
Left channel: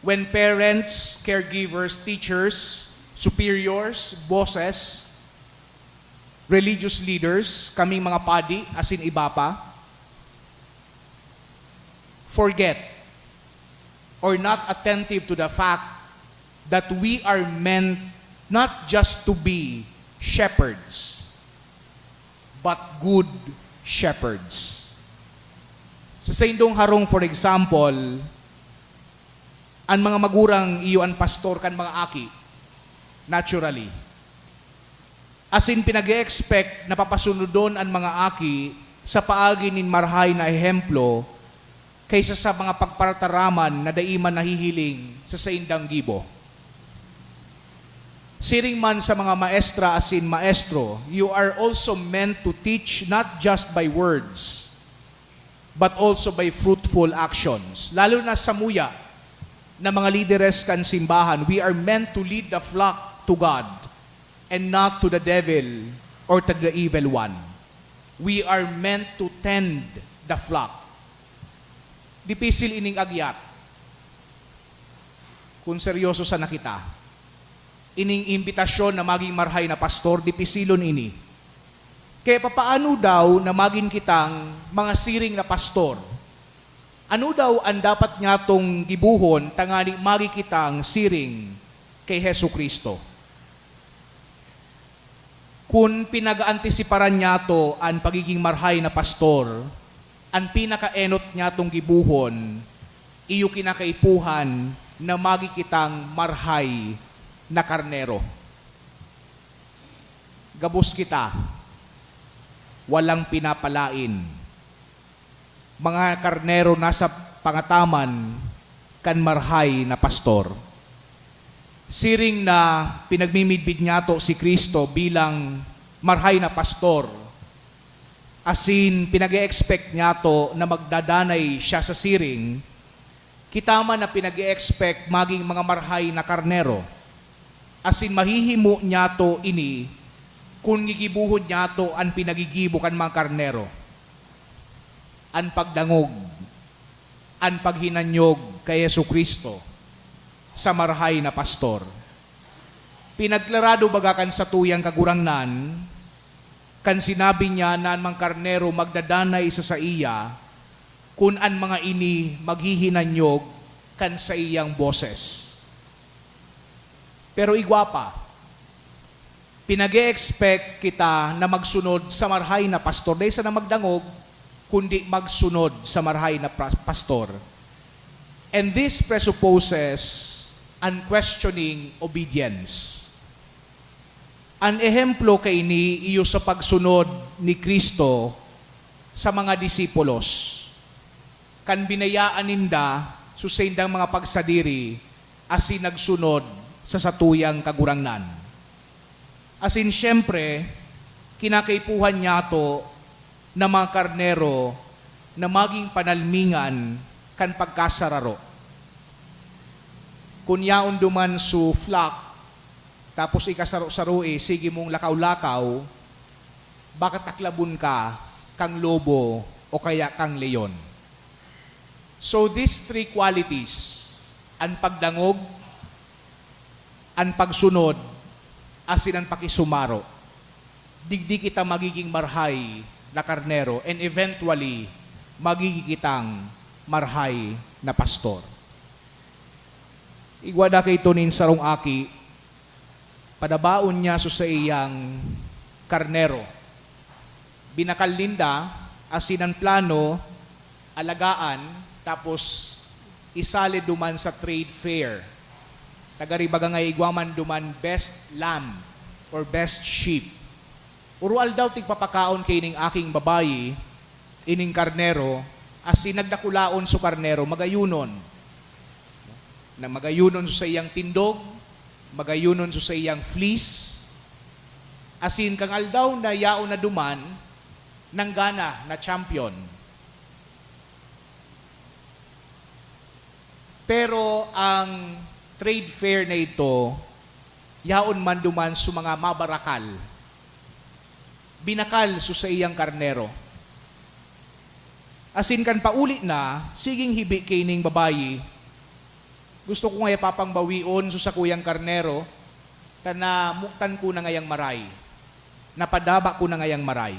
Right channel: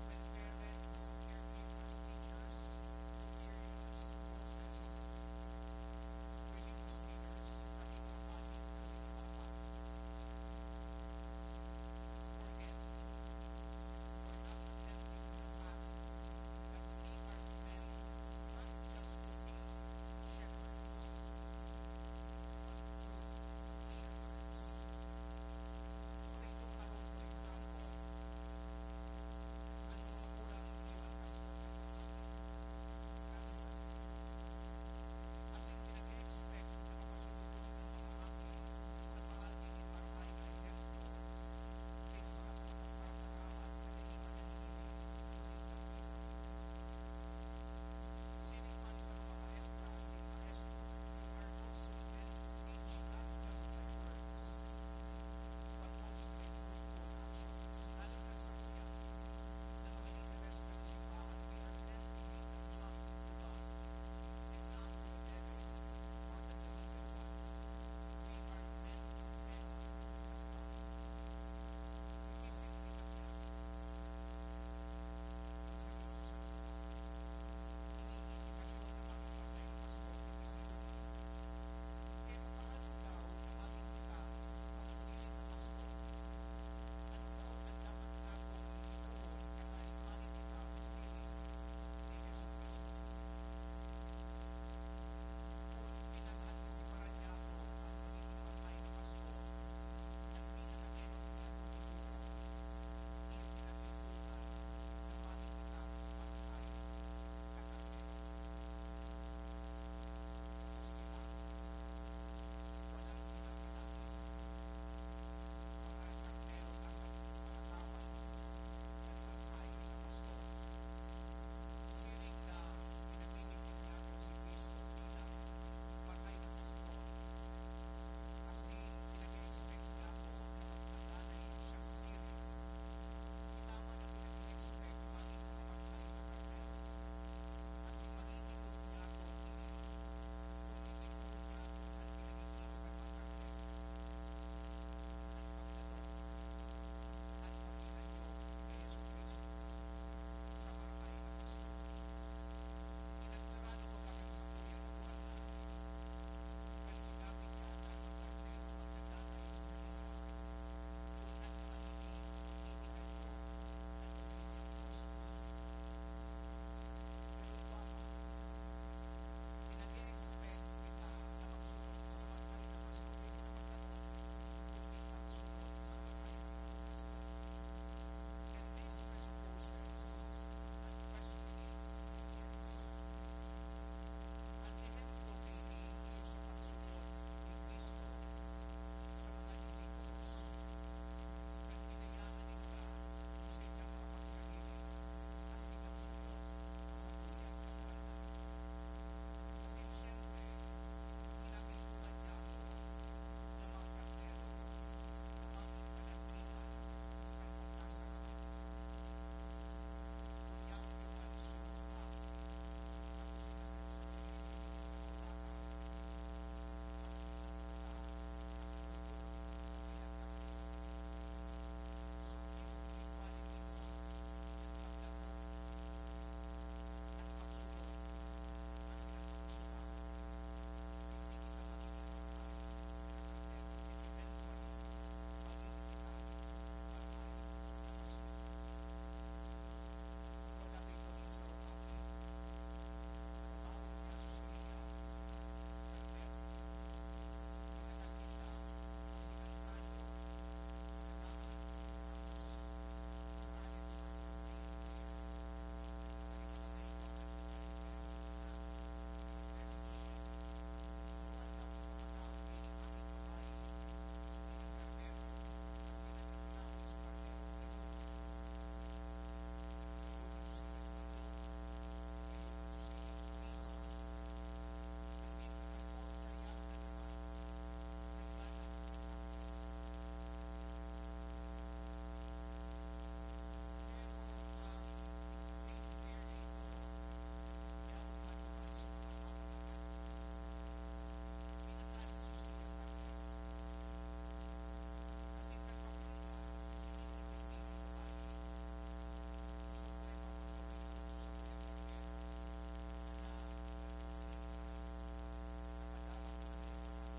when parents, caregivers, teachers, superiors, bosses religious leaders, kaming mga padi, as in iba pa, forget or not attentive to the fact that we are meant not just to be shepherds, but good shepherds. Sa Saindong Harong, for example, ang mga magurang iyo ang pastor kan mga aki, naturally. As in, pinag-expect na papasunod doon ang mga aki sa paagi nin marhay na ehemplo kaysa sa mga pagparataraman na daiman nahihiling sa saindang gibo. Siring man sa mga maestra as in maestro, you are also meant to teach not just by words, but also by fruitful actions. Lalo na sa muya na mga lideres kan simbahan, we are meant to lead the flock to God and not to the devil or to the evil one. We are meant to tend the flock. Dipisil ining agyat. Kung seryoso sa nakita, ining imbitasyon na maging marhay na pastor, dipisilon ini. Kaya papaano daw na maging kitang mga siring na pastor? Ano daw ang dapat nga tong gibuhon tangani magi kitang siring kay Hesu Kristo? Kung pinag-antisiparan niya to ang pagiging marhay na pastor, ang pinakaenot niya tong gibuhon, iyo kinakaipuhan na magi kitang marhay na karnero. Gabos kita, walang pinapalain. Mga karnero nasa pangataman kan marhay na pastor. Siring na pinagmimidbid niya to si Kristo bilang marhay na pastor, asin pinag-e-expect niya to na magdadanay siya sa siring, kita man na pinag-e-expect maging mga marhay na karnero, asin mahihimo niya to ini kung gigibuhod niya to ang pinagigibo kan mga karnero. Ang pagdangog, ang paghinanyog kay Yesu Kristo sa marhay na pastor. Pinagklarado bagakan sa tuyang kagurangnan, kan sinabi niya na ang mga karnero magdadanay sa iya, kun an mga ini maghihinanyog kan sa iyang boses. Pero igwapa, pinag-e-expect kita na magsunod sa marhay na pastor, dahil sa na magdangog, kundi magsunod sa marhay na pastor. And this presupposes unquestioning obedience. An ehemplo kay ni iyo sa pagsunod ni Kristo sa mga disipulos. Kan binayaan ninda susaindang mga pagsadiri asin nagsunod sa satuyang kagurangnan. Asin siyempre, kinakaipuhan niya to na mga karnero na maging panalmingan kan pagkasararo. Kunyaon duman su flock, tapos ikasaro-saroi, sige mong lakaw-lakaw, bakit taklabon ka kang lobo o kaya kang leon? So these three qualities, ang pagdangog, ang pagsunod, asin ang pakisumaro, digdi kita magiging marhay na karnero and eventually magiging kitang marhay na pastor. Igwada kay Tonin sarong aki, padabaon niya sa iyang karnero. Binakal linda, asinan plano, alagaan, tapos isali duman sa trade fair. Tagaribaga nga igwaman duman best lamb or best sheep. Urual daw tigpapakaon kay ning aking babayi, ining karnero, asin nagdakulaon su karnero, magayunon. Na magayunon sa iyang tindog, magayunon sa iyang fleece, asin kang aldaw na yaon na duman, ng gana na champion. Pero ang trade fair na ito, yaon man duman sa mga mabarakal. Binakal sa iyang karnero. Asin kan paulit na, siging hibi kay ning babayi, gusto ko nga papangbawion sa kuyang karnero, na muktan ko na ngayang maray. napadaba ko na ngayang maray.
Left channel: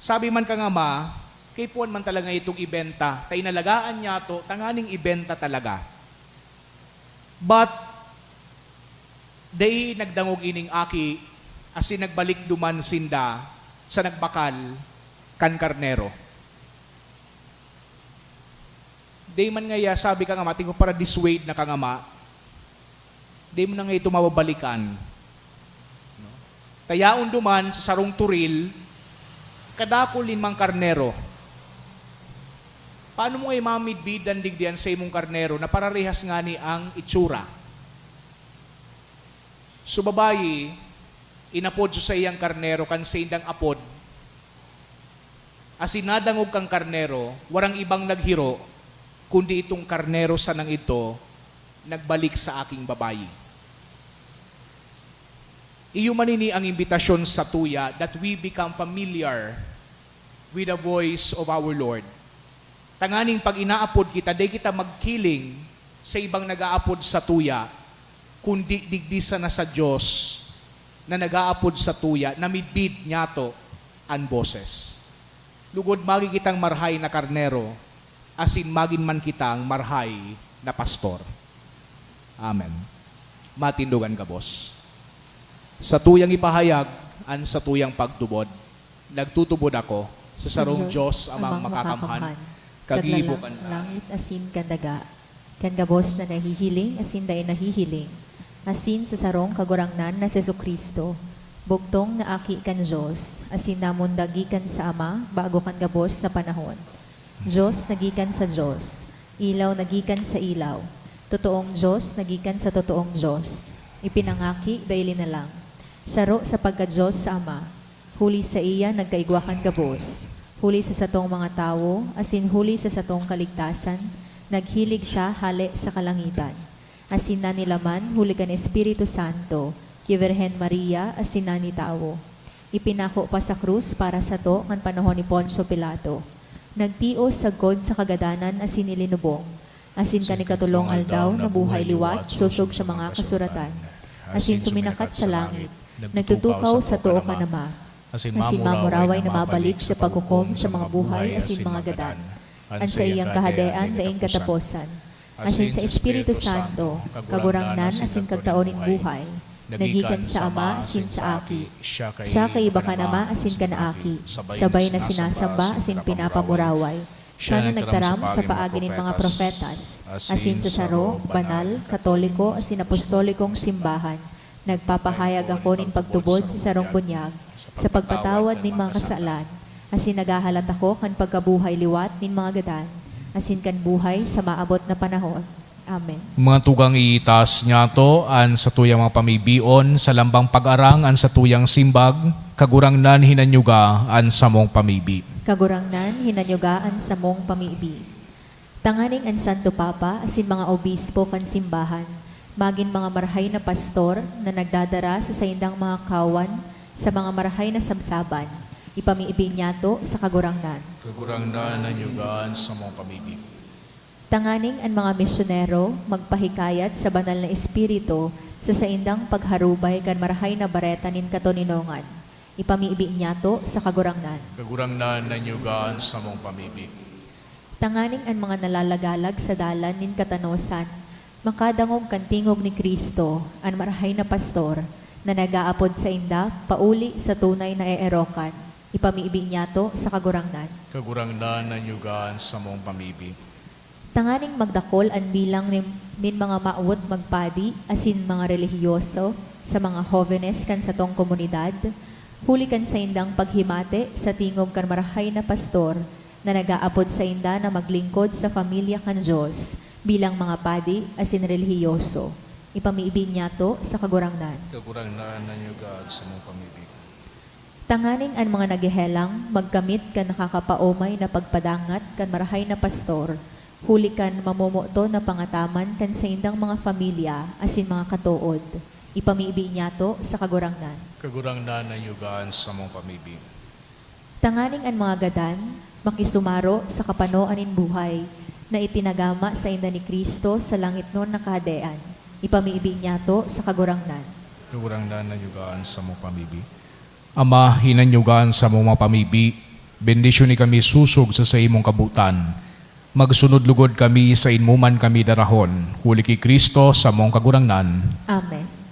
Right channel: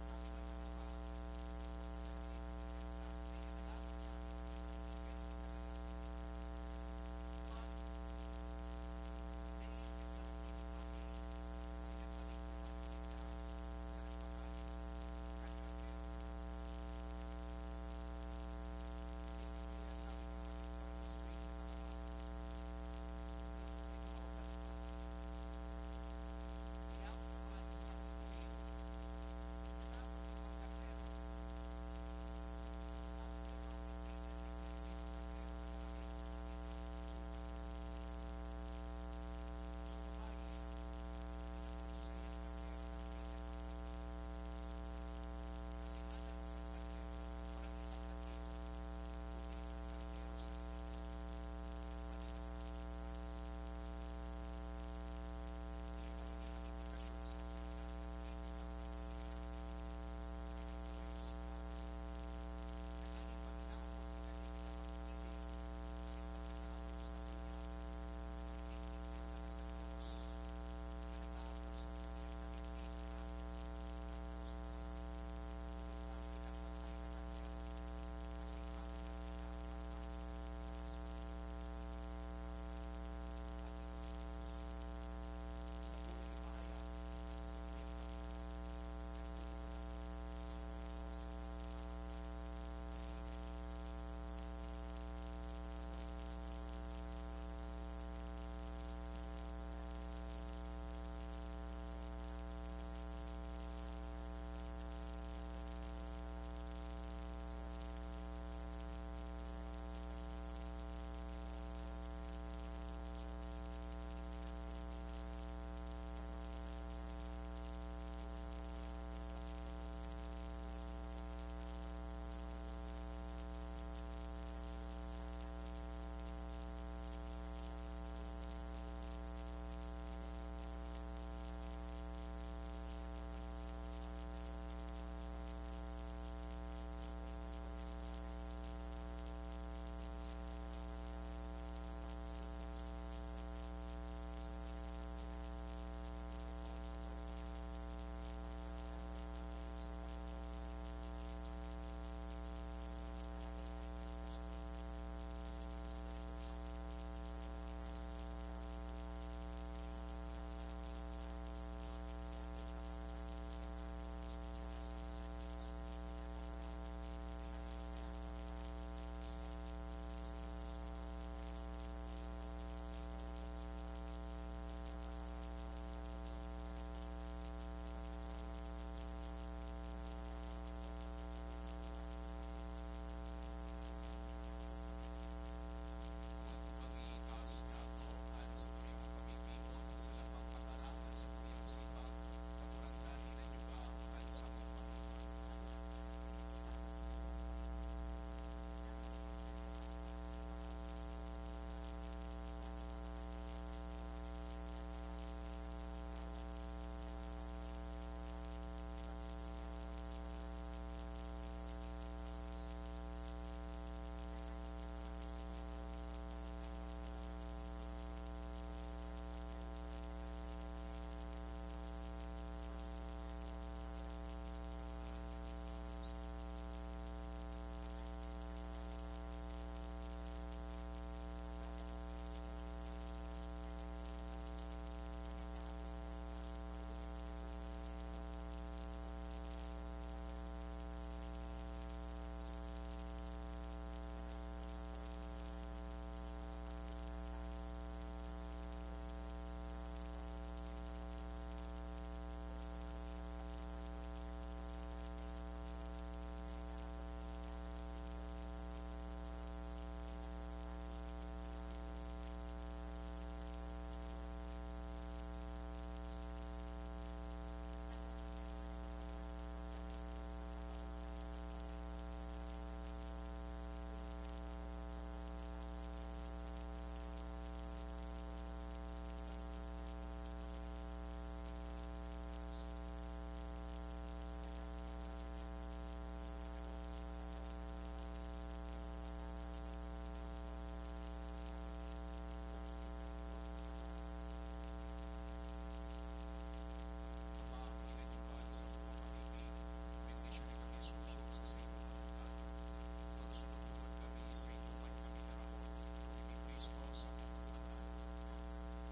Sabi man ka nga ma, kay puan man talaga itong ibenta, tay nalagaan niya to, tanganing ibenta talaga. But, day nagdangog ining aki, asin nagbalik duman sinda sa nagbakal kan karnero. Day man ngaya, sabi ka nga ma, tingko para dissuade na ka nga ma, day mo na nga ito mababalikan. Tayaon duman sa sarong turil, kadako limang karnero. Paano mo ay mamidbidan digdian sa imong karnero na pararehas nga ni ang itsura? So babayi, inapod sa iyang karnero kan sa indang apod, asinadangog kang karnero, warang ibang naghiro, kundi itong karnero sa nang ito, nagbalik sa aking babayi. Iyo manini ang imbitasyon sa tuya that we become familiar with the voice of our Lord. Tanganing pag inaapod kita, di kita magkiling sa ibang nag-aapod sa tuya, kundi digdisa na sa Diyos na nag-aapod sa tuya, na midbid niya to ang boses. Lugod magi kitang marhay na karnero, asin magin man kitang marhay na pastor. Amen. Matindugan ka, boss. Sa tuyang ipahayag, an sa tuyang pagtubod, nagtutubod ako sa sarong Diyos amang makakamhan, kagibo kan langit asin kandaga, kan gabos na nahihiling asin day nahihiling, asin sa sarong kagurangnan na si Jesucristo, bugtong na aki kan Diyos, asin namon dagikan sa Ama bago kan gabos na panahon. Diyos nagikan sa Diyos, ilaw nagikan sa ilaw, totoong Diyos nagikan sa totoong Diyos, ipinangaki daili na lang. Saro sa pagka-Diyos sa Ama, huli sa iya nagkaigwakan gabos, huli sa satong mga tao, asin huli sa satong kaligtasan, naghilig siya hali sa kalangitan. Asin na nilaman, huli kan Espiritu Santo, ki Virhen Maria, asin na ni tao. Ipinako pa sa krus para sa to, kan panahon ni Poncio Pilato. Nagtios sagkod sa kagadanan, asin nilinubong, asin kanikatulong aldaw na buhay liwat, susog sa mga kasuratan. Asin suminakat sa langit, nagtutukaw sa tuo ka nama, asin mamuraway na mabalik sa paghukom sa mga buhay asin mga gadan, an sa iyang kahadean daing kataposan, asin sa Espiritu Santo, kagurangnan asin kagtaonin buhay, nagikan sa Ama asin sa Aki, siya kay iba ka nama asin ka na Aki, sabay na sinasamba asin pinapamuraway, siya na nagtaram sa paagi ng mga profetas, asin sa saro, banal, katoliko, asin apostolikong simbahan, nagpapahayag ako nin pagtubod sa sarong bunyag, sa pagpatawad nin mga kasalan, asin nagahalat ako kan pagkabuhay liwat nin mga gadan, asin kan buhay sa maabot na panahon. Amen. Mga tugang itas niya to, an sa tuyang mga pamibion, sa lambang pag-arang, an sa tuyang simbag, kagurangnan hinanyuga, an sa mong pamibi. Kagurangnan, hinanyugaan sa mong pamibi. Tanganing ang Santo Papa, asin mga obispo kan simbahan, magin mga marhay na pastor na nagdadara sa saindang mga kawan sa mga marhay na sabsaban, ipamiibig niya to sa kagurangnan. Kagurangnan nanyugaan sa mong pamibi. Tanganing ang mga misyonero magpahikayat sa banal na espiritu sa saindang pagharubay kan marhay na bareta nin katoninongan, ipamiibig niya to sa kagurangnan. Kagurangnan nanyugaan sa mong pamibi. Tanganing ang mga nalalagalag sa dalan nin katanosan, makadangog kantingog ni Kristo, ang marhay na pastor, na nag-aapod sa inda, pauli sa tunay na eerokan, ipamiibig niya to sa kagurangnan. Kagurangnan nanyugaan sa mong pamibi. Tanganing magdakol ang bilang nin mga maawot magpadi, asin mga relihiyoso, sa mga jóvenes kan sa tong komunidad, huli kan sa indang paghimate sa tingog kan marhay na pastor, na nag-aapod sa inda na maglingkod sa pamilya kan Diyos, bilang mga padi asin relihiyoso. Ipamiibig niya to sa kagurangnan. Kagurangnan nanyugaan sa mong pamibi. Tanganing ang mga nagihelang, magkamit kan nakakapaomay na pagpadangat kan marahay na pastor, huli kan mamumuto na pangataman kan sa indang mga pamilya asin mga katuod. Ipamiibig niya to sa kagurangnan. Kagurangnan nanyugaan sa mong pamibi. Tanganing ang mga gadan, makisumaro sa kapanoan in buhay, na itinagama sa inda ni Kristo sa langit noon na kahadean. Ipamiibig niya to sa kagurangnan. Kagurangnan nanyugaan sa mong pamibi. Ama, hinanyugan sa mong mga pamibi, bendisyon ni kami susog sa imong kabutan. Magsunod lugod kami sa inmuman kami darahon, huli ki Kristo sa mong kagurangnan. Amen.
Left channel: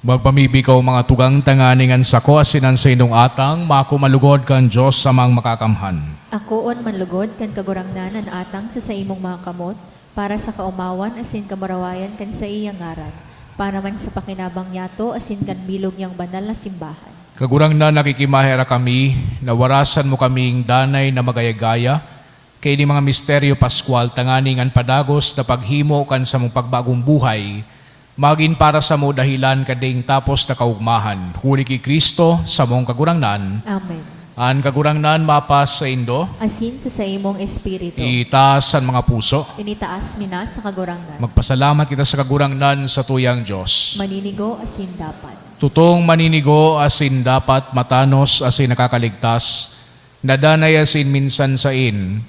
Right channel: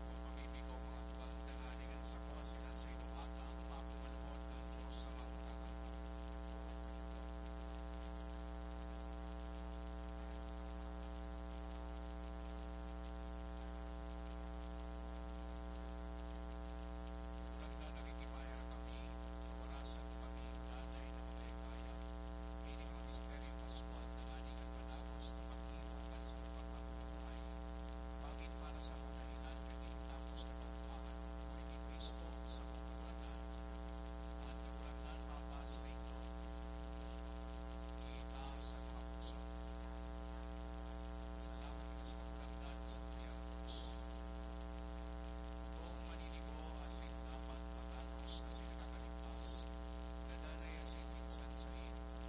Magpamibi ka o mga tugang tanganingan sa ko asinan sa inong atang, makumalugod kan Diyos sa mga makakamhan. Akoon manlugod kan kagurangnan an atang sa imong mga kamot, para sa kaumawan asin kamarawayan kan sa iyang ngaran, para man sa pakinabang yato asin kan bilog niyang banal na simbahan. Kagurang na nakikimahera kami, nawarasan mo kaming danay na magayagaya, kay ni mga misteryo Pascual tanganingan padagos na paghimo kan sa mong pagbagong buhay, magin para sa mo dahilan kading tapos na kaugmahan. Huli ki Kristo sa mong kagurangnan. Amen. An kagurangnan mapas sa indo, Asin sa imong espiritu. itaas ang mga puso. Tinitaas mina sa kagurangnan. Magpasalamat kita sa kagurangnan sa tuyang Diyos. Maninigo asin dapat. Tutong maninigo asin dapat matanos asin nakakaligtas, nadanay asin minsan sain,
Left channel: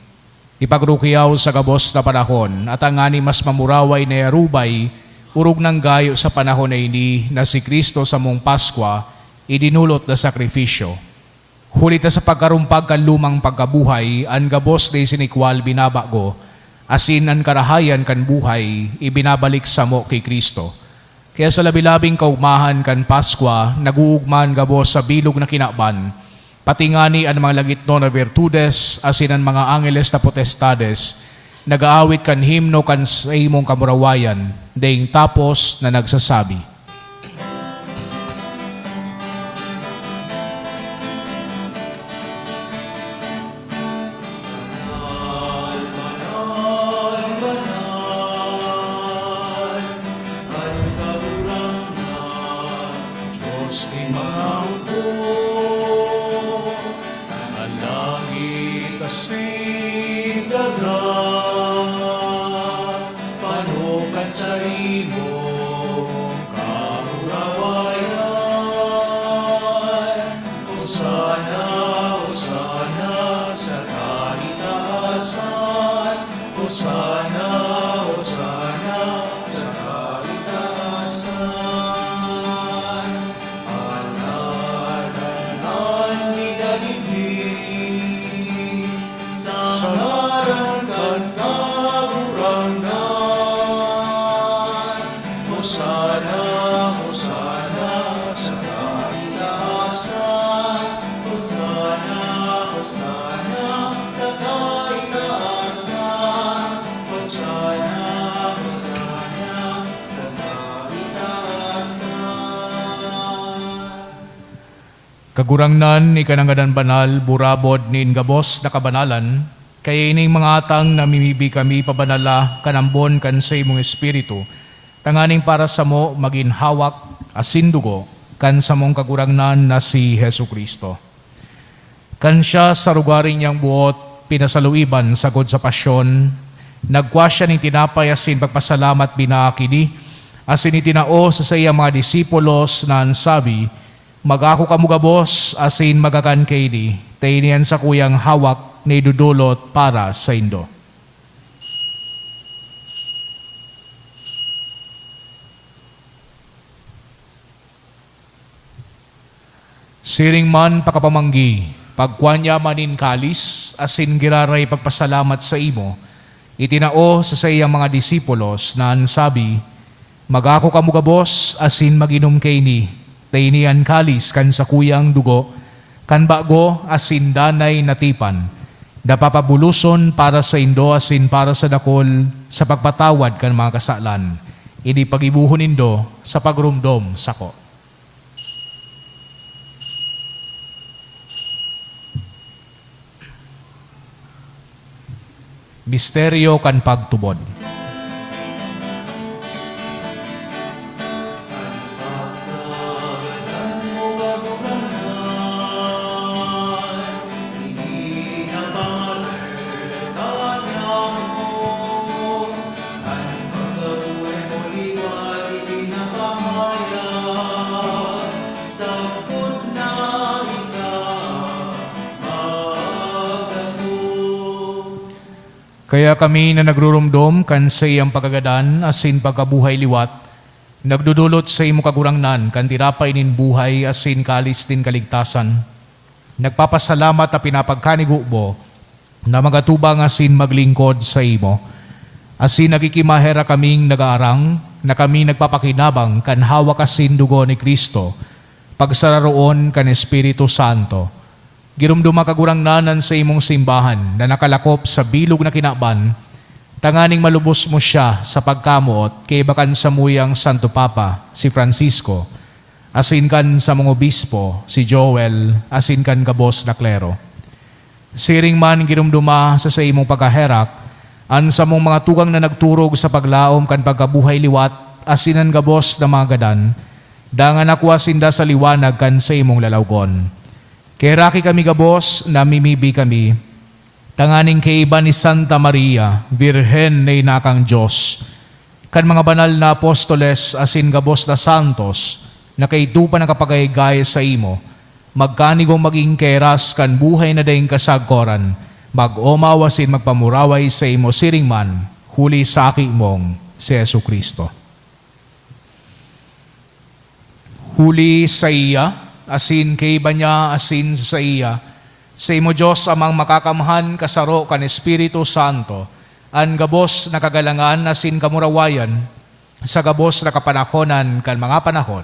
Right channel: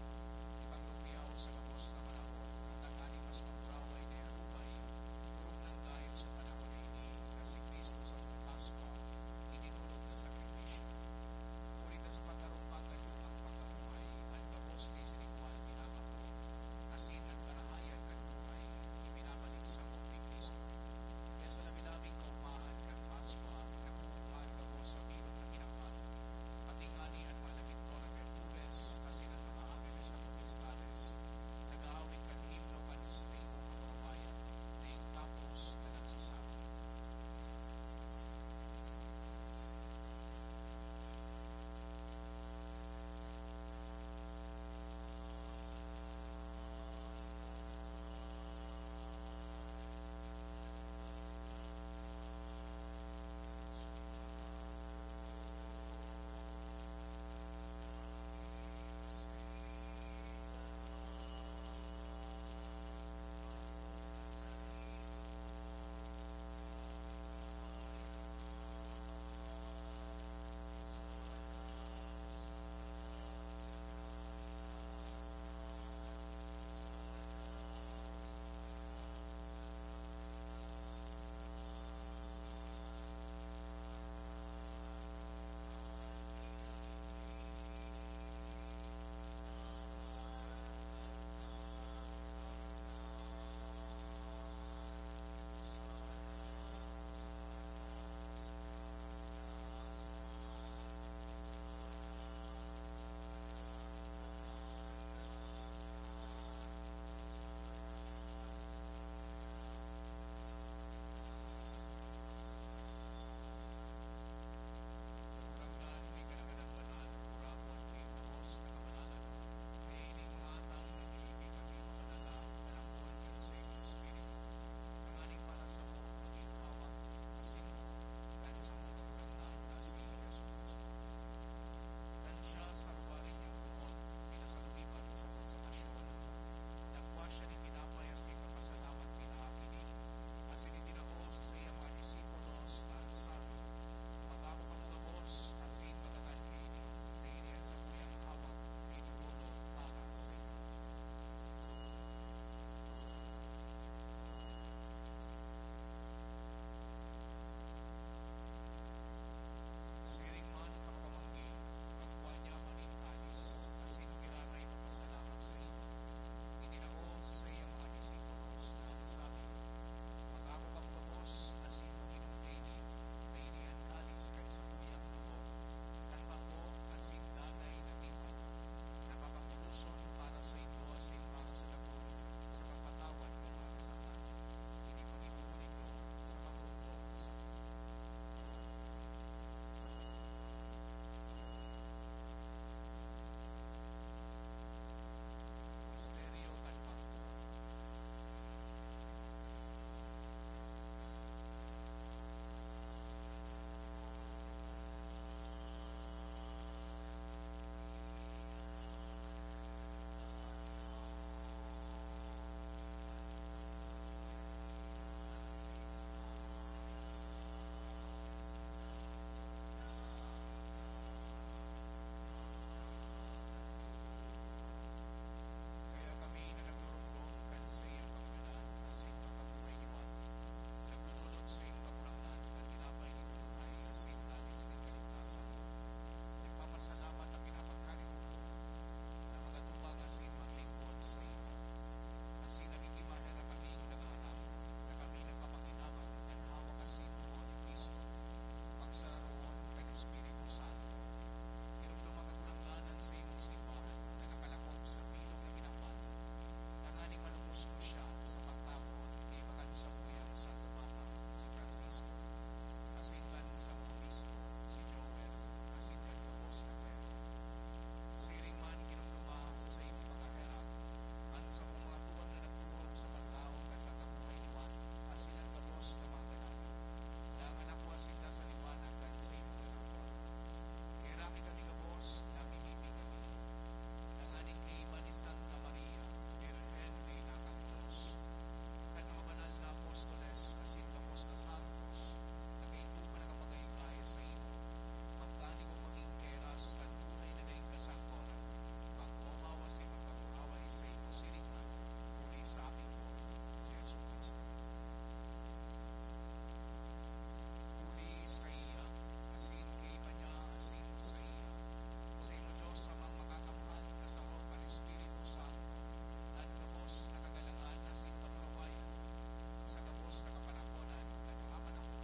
ipagrukiyaw sa gabos na panahon, at ang ani mas mamuraway na yarubay, urog ng gayo sa panahon na ini na si Kristo sa mong Paskwa, idinulot na sakripisyo. Hulit na sa pagkarumpag kan lumang pagkabuhay, ang gabos na isinikwal binabago, asin ang karahayan kan buhay, ibinabalik sa mo kay Kristo. Kaya sa labilabing kaumahan kan Paskwa, naguugman gabos sa bilog na kinaban, pati ngani ang mga lagitno na virtudes, asin ang mga angeles na potestades, nagaawit kan himno kan sa imong kamurawayan, ding tapos na nagsasabi. Diyos di mangko, ang langit asin dagat, panukat sa imong kamurawayan. Hosana, Hosana sa kaitaasan, Hosana, Hosana sa kaitaasan. Alalanan ni daligdig, sa ngaran kan kagurangnan. Hosana, Hosana sa kaitaasan, Hosana, Hosana sa kaitaasan, Hosana, Hosana sa kaitaasan. Kagurangnan ni kanangadan banal, burabod ni ingabos na kabanalan, kaya ining mga atang namimibi kami pabanala kanambon kan sa imong espiritu, tanganing para sa mo maging hawak asindugo kan sa mong kagurangnan na si Hesu Kristo. Kan siya sa rugaring niyang buot, pinasaluiban sagod sa pasyon, nagkwa siya ng tinapay asin pagpasalamat binaakini, asin itinao sa iyang mga disipulos na ansabi, magako kamugabos asin magakan kay di, tainian sa kuyang hawak na idudulot para sa indo. Siring man pakapamanggi, pagkwanya manin kalis, asin giraray pagpasalamat sa imo, itinao sa iyang mga disipulos na ansabi, magako kamugabos asin maginom kay ni, Tainian kalis kan sa kuyang dugo, kan bago asin danay natipan, napapabuluson para sa indo asin para sa dakol, sa pagpatawad kan mga kasalan. Ini pagibuhon indo sa pagrumdom sako. Misteryo kan pagtubod. Kaya kami na nagrurumdom kan sa iyang pagagadan asin pagkabuhay liwat, nagdudulot sa imo kagurangnan kan tirapay nin buhay asin kalis din kaligtasan. Nagpapasalamat a pinapagkanigubo na magatubang asin maglingkod sa imo. Asin nagikimahera kaming nagaarang na kami nagpapakinabang kan hawak asin dugo ni Kristo, pagsararoon kan Espiritu Santo. Girumduma kagurangnanan sa imong simbahan na nakalakop sa bilog na kinaban, tanganing malubos mo siya sa pagkamuot kay bakan sa muyang Santo Papa, si Francisco, asin kan sa mga obispo, si Joel, asin kan gabos na klero. Siring man girumduma sa imong pagkaherak, an sa mong mga tugang na nagturog sa paglaom kan pagkabuhay liwat, asinan gabos na mga gadan, dangan nakuha sinda sa liwanag kan sa imong lalawgon. Keraki kami gabos, namimibi kami, tanganing kaiba ni Santa Maria, Birhen na inakang Diyos, kan mga banal na apostoles asin gabos na santos, na kaitupa na kapagaygay sa imo, magkanigong maging keras kan buhay na daing kasagkoran, mag-omawasin magpamuraway sa imo siringman, huli sa aki mong si Yesu Kristo. Huli sa iya, asin kay niya asin sa iya, sa imo Diyos amang makakamhan kasaro kan Espiritu Santo, an gabos na kagalangan asin kamurawayan, sa gabos na kapanahonan kan mga panahon.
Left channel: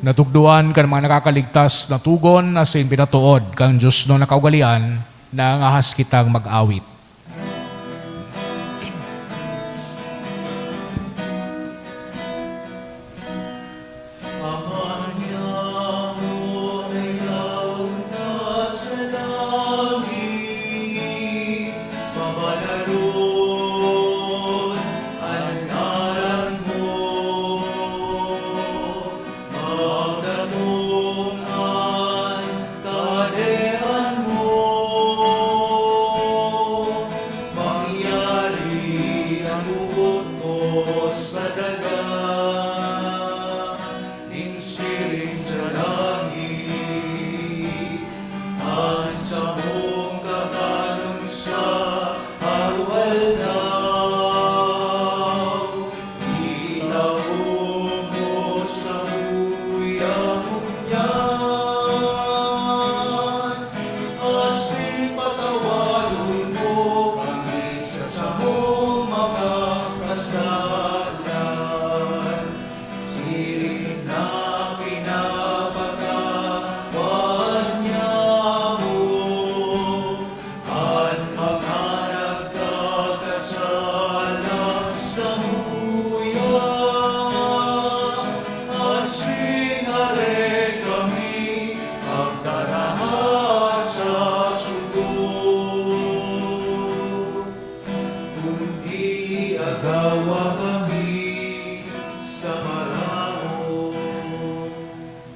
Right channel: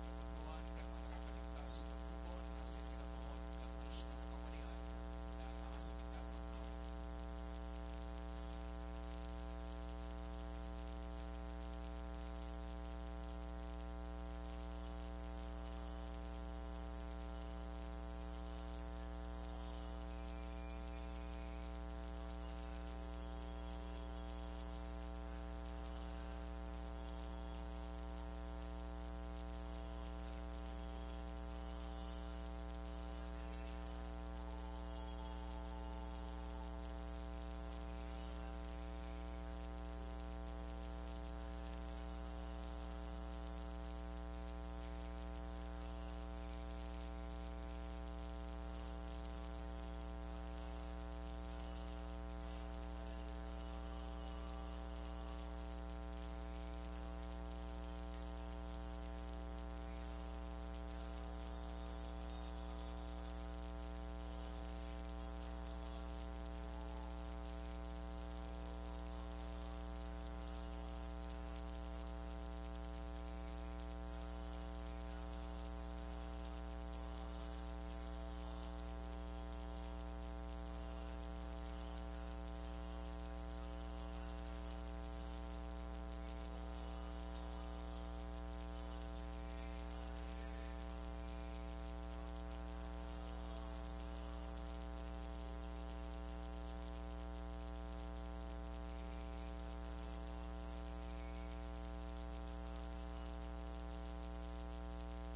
Natugduan kan mga nakakaligtas na tugon asin pinatuod kang Diyos no nakaugalian na ang ahas kitang mag-awit.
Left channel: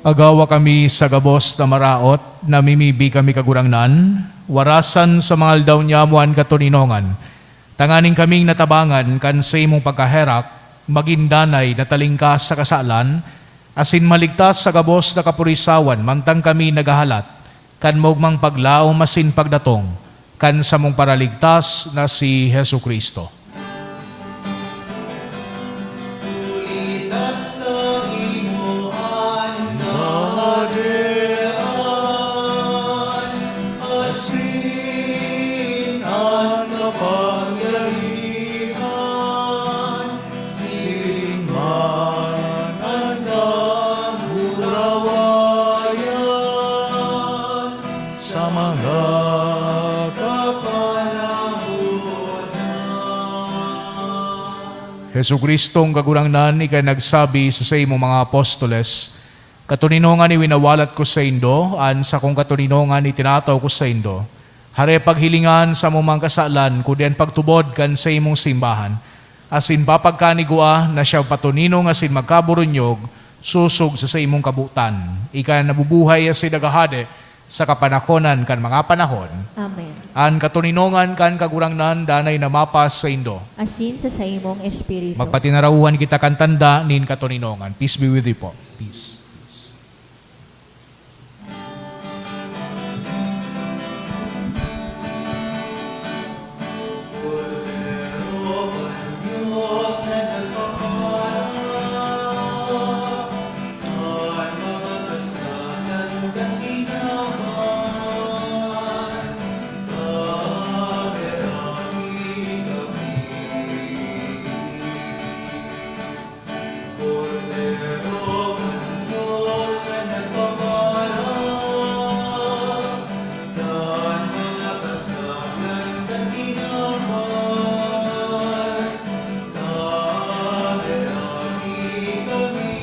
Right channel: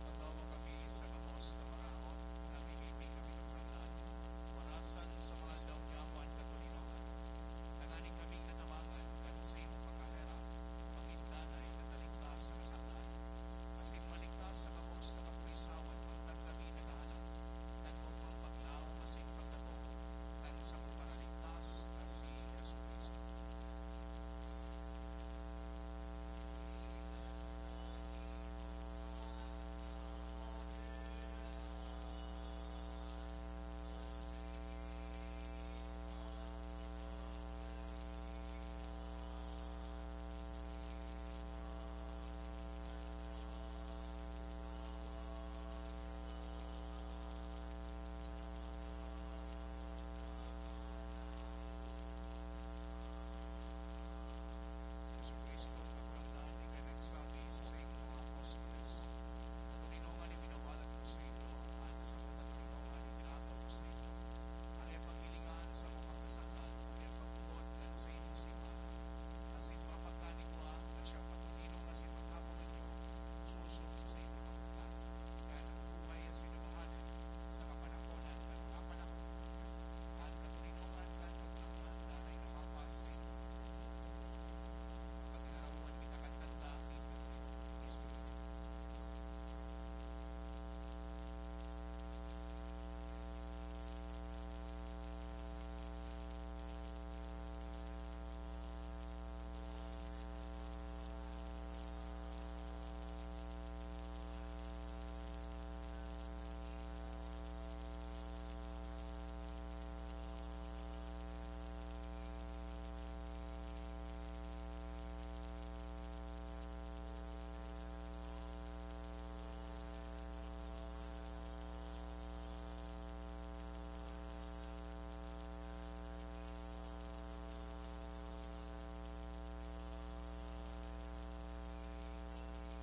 Agawa kami sa gabos na maraot, namimibi kami kagurangnan, warasan sa mga aldaw niyamuan katuninongan, tanganing kaming natabangan kan sa imong pagkaherak, magindanay na talingkas sa kasalan, Asin maligtas sa gabos na kapurisawan, mantang kami nagahalat, kan mogmang paglao masin pagdatong, kan sa mong paraligtas na si Hesu Kristo. Ulitas sa imuhan nadean, asin ang kapangyarihan, siling man ang nahurawayan, sa mga kapanahon na. Hesu Kristong kagurangnan, ikay nagsabi sa imo mga apostoles, katuninongan ni winawalat ko sa indo, an sa kong katuninongan ni tinataw ko sa indo. Hare paghilingan sa mumang kasalan, kudian pagtubod kan sa imong simbahan. Asin papagkanigua na siya patuninong asin magkaburunyog, susog sa imong kabutan. Ika nabubuhay asin nagahade sa kapanahonan kan mga panahon. Amen. An katuninongan kan kagurangnan, danay na mapas sa indo. Asin sa imong espiritu. Magpatinarauhan kita kan tanda nin katuninongan. Peace be with you po. Peace. Diyos na nagpaparang, ang mga kasalan kang ginawan, kaherami kami.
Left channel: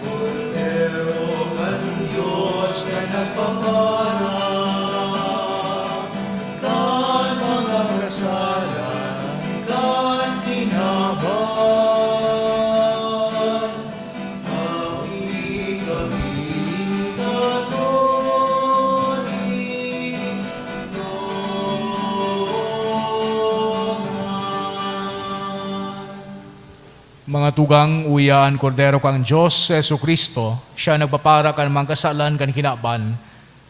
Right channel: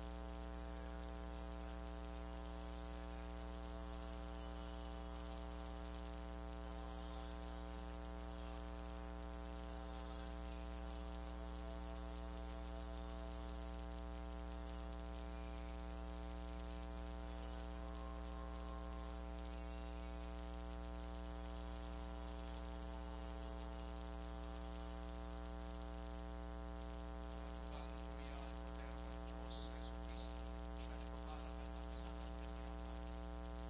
Cordero ng Diyos na nagpaparang, ang mga kasalan kang ginawan, Mga tugang uyaan kordero kang Diyos, Yesu Kristo, siya nagpapara kan mga kasalan kan kinaban,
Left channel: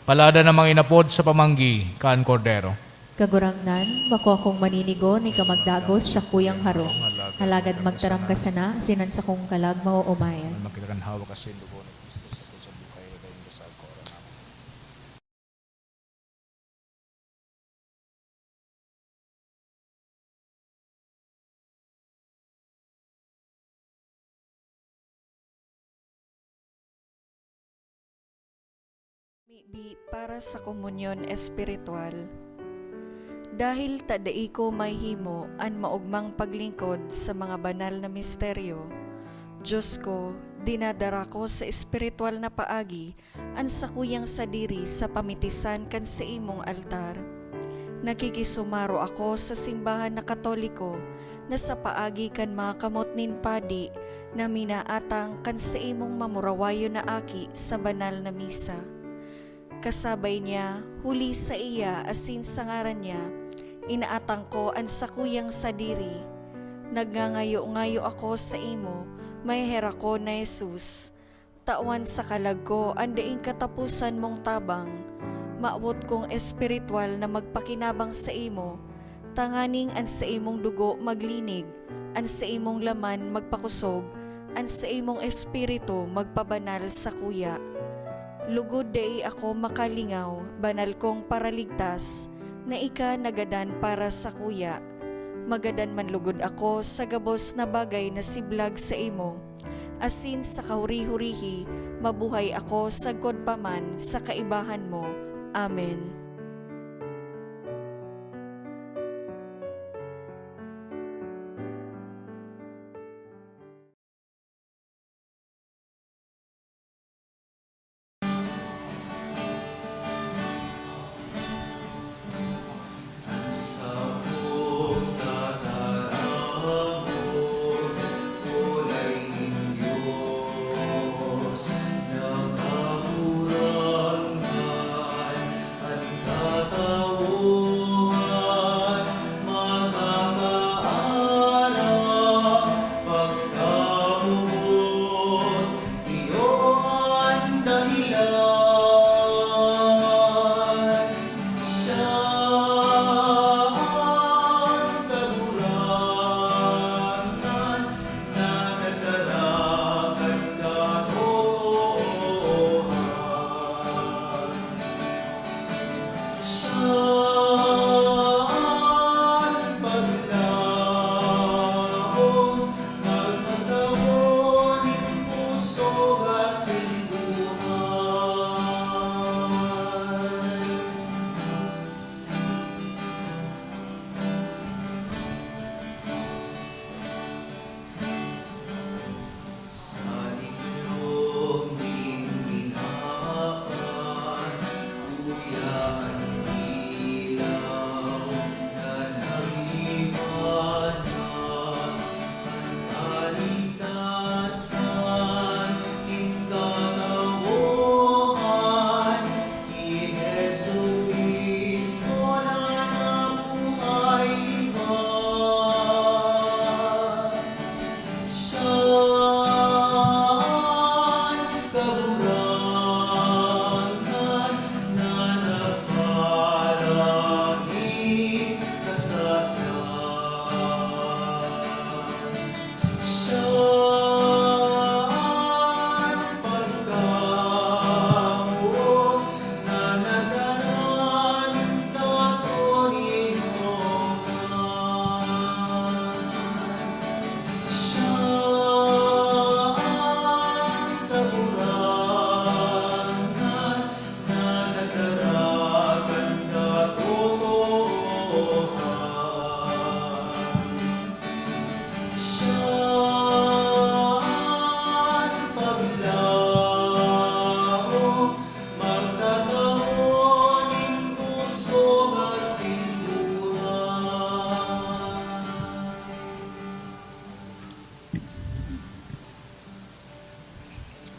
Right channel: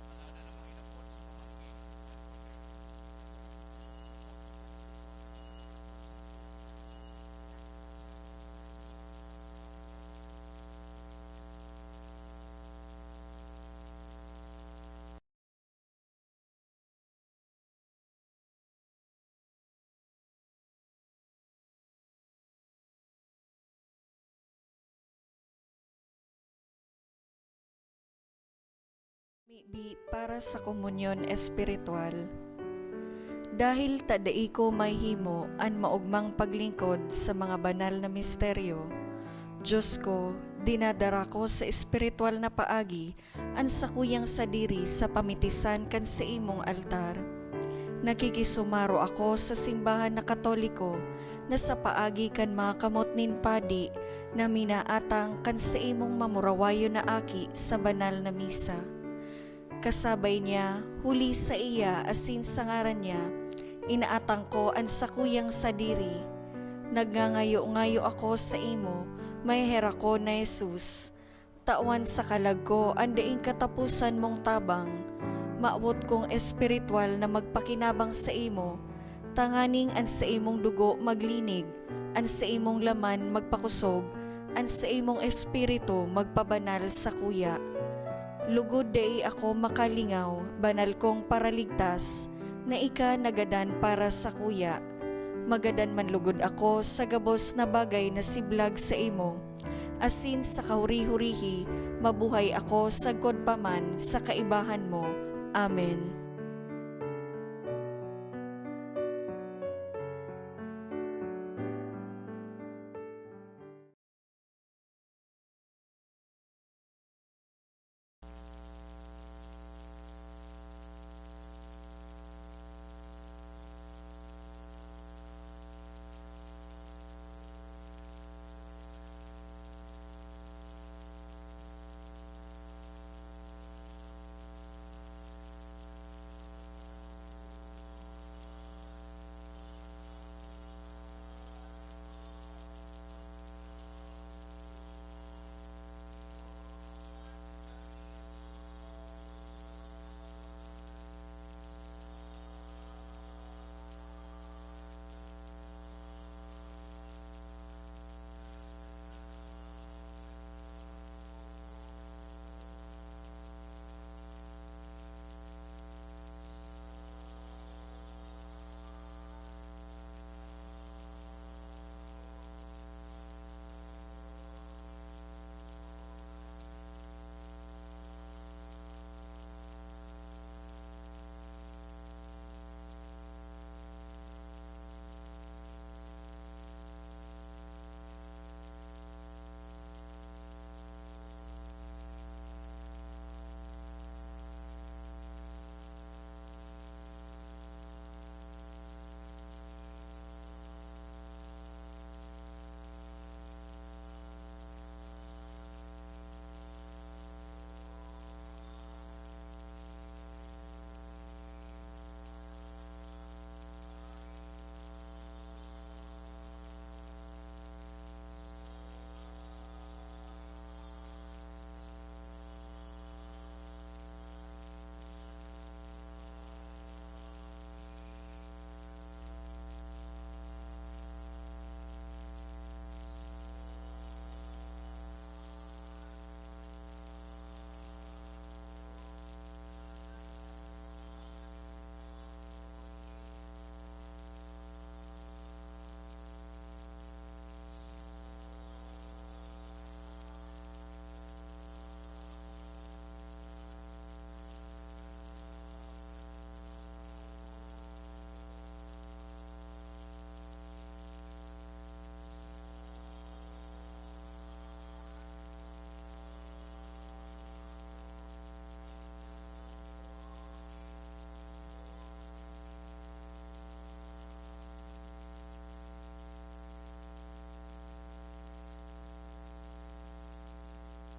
palada na mga inapod sa pamanggi kan kordero. Kagurangnan, mako akong maninigo ni kamagdagos sa kuyang harong. Halagad magtaram ka sana, sinan sa kong kalag mauumayan. Makita kan hawak kasi dugo ng Kristo sa buhay na sa koron. Mibi para sa komunyon espiritual. Dahil tadai ko may himo an maugmang paglingkod sa mga banal na misteryo, Diyos ko, dinadara ko sa espiritual na paagi an sakuyang sadiri sa pamitisan kan sa imong altar. Nakikisumaro ako sa simbahan na Katoliko na sa paagi kan mga kamot nin padi na minaatang kan sa imong mamurawayo na aki sa banal na misa. Kasabay niya, huli sa iya asin sa ngaran niya, inaatang ko ang sakuyang sadiri. Nagngangayo-ngayo ako sa imo, may hera ko na Jesus. Tawan sa kalag ko, andaing katapusan mong tabang. Maabot kong espiritual na magpakinabang sa imo, tanganing an sa imong dugo maglinig, an sa imong laman magpakusog, an sa imong espiritu magpabanal sa kuya. Lugod day ako makalingaw, banal kong paraligtas, na ika nagadan para sa kuya. Magadan man lugod ako sa gabos na bagay na siblag sa imo. Asin sa kauri-hurihi, mabuhay ako sa godpaman sa kaibahan mo. Amen. Diyos, nakahuranggan,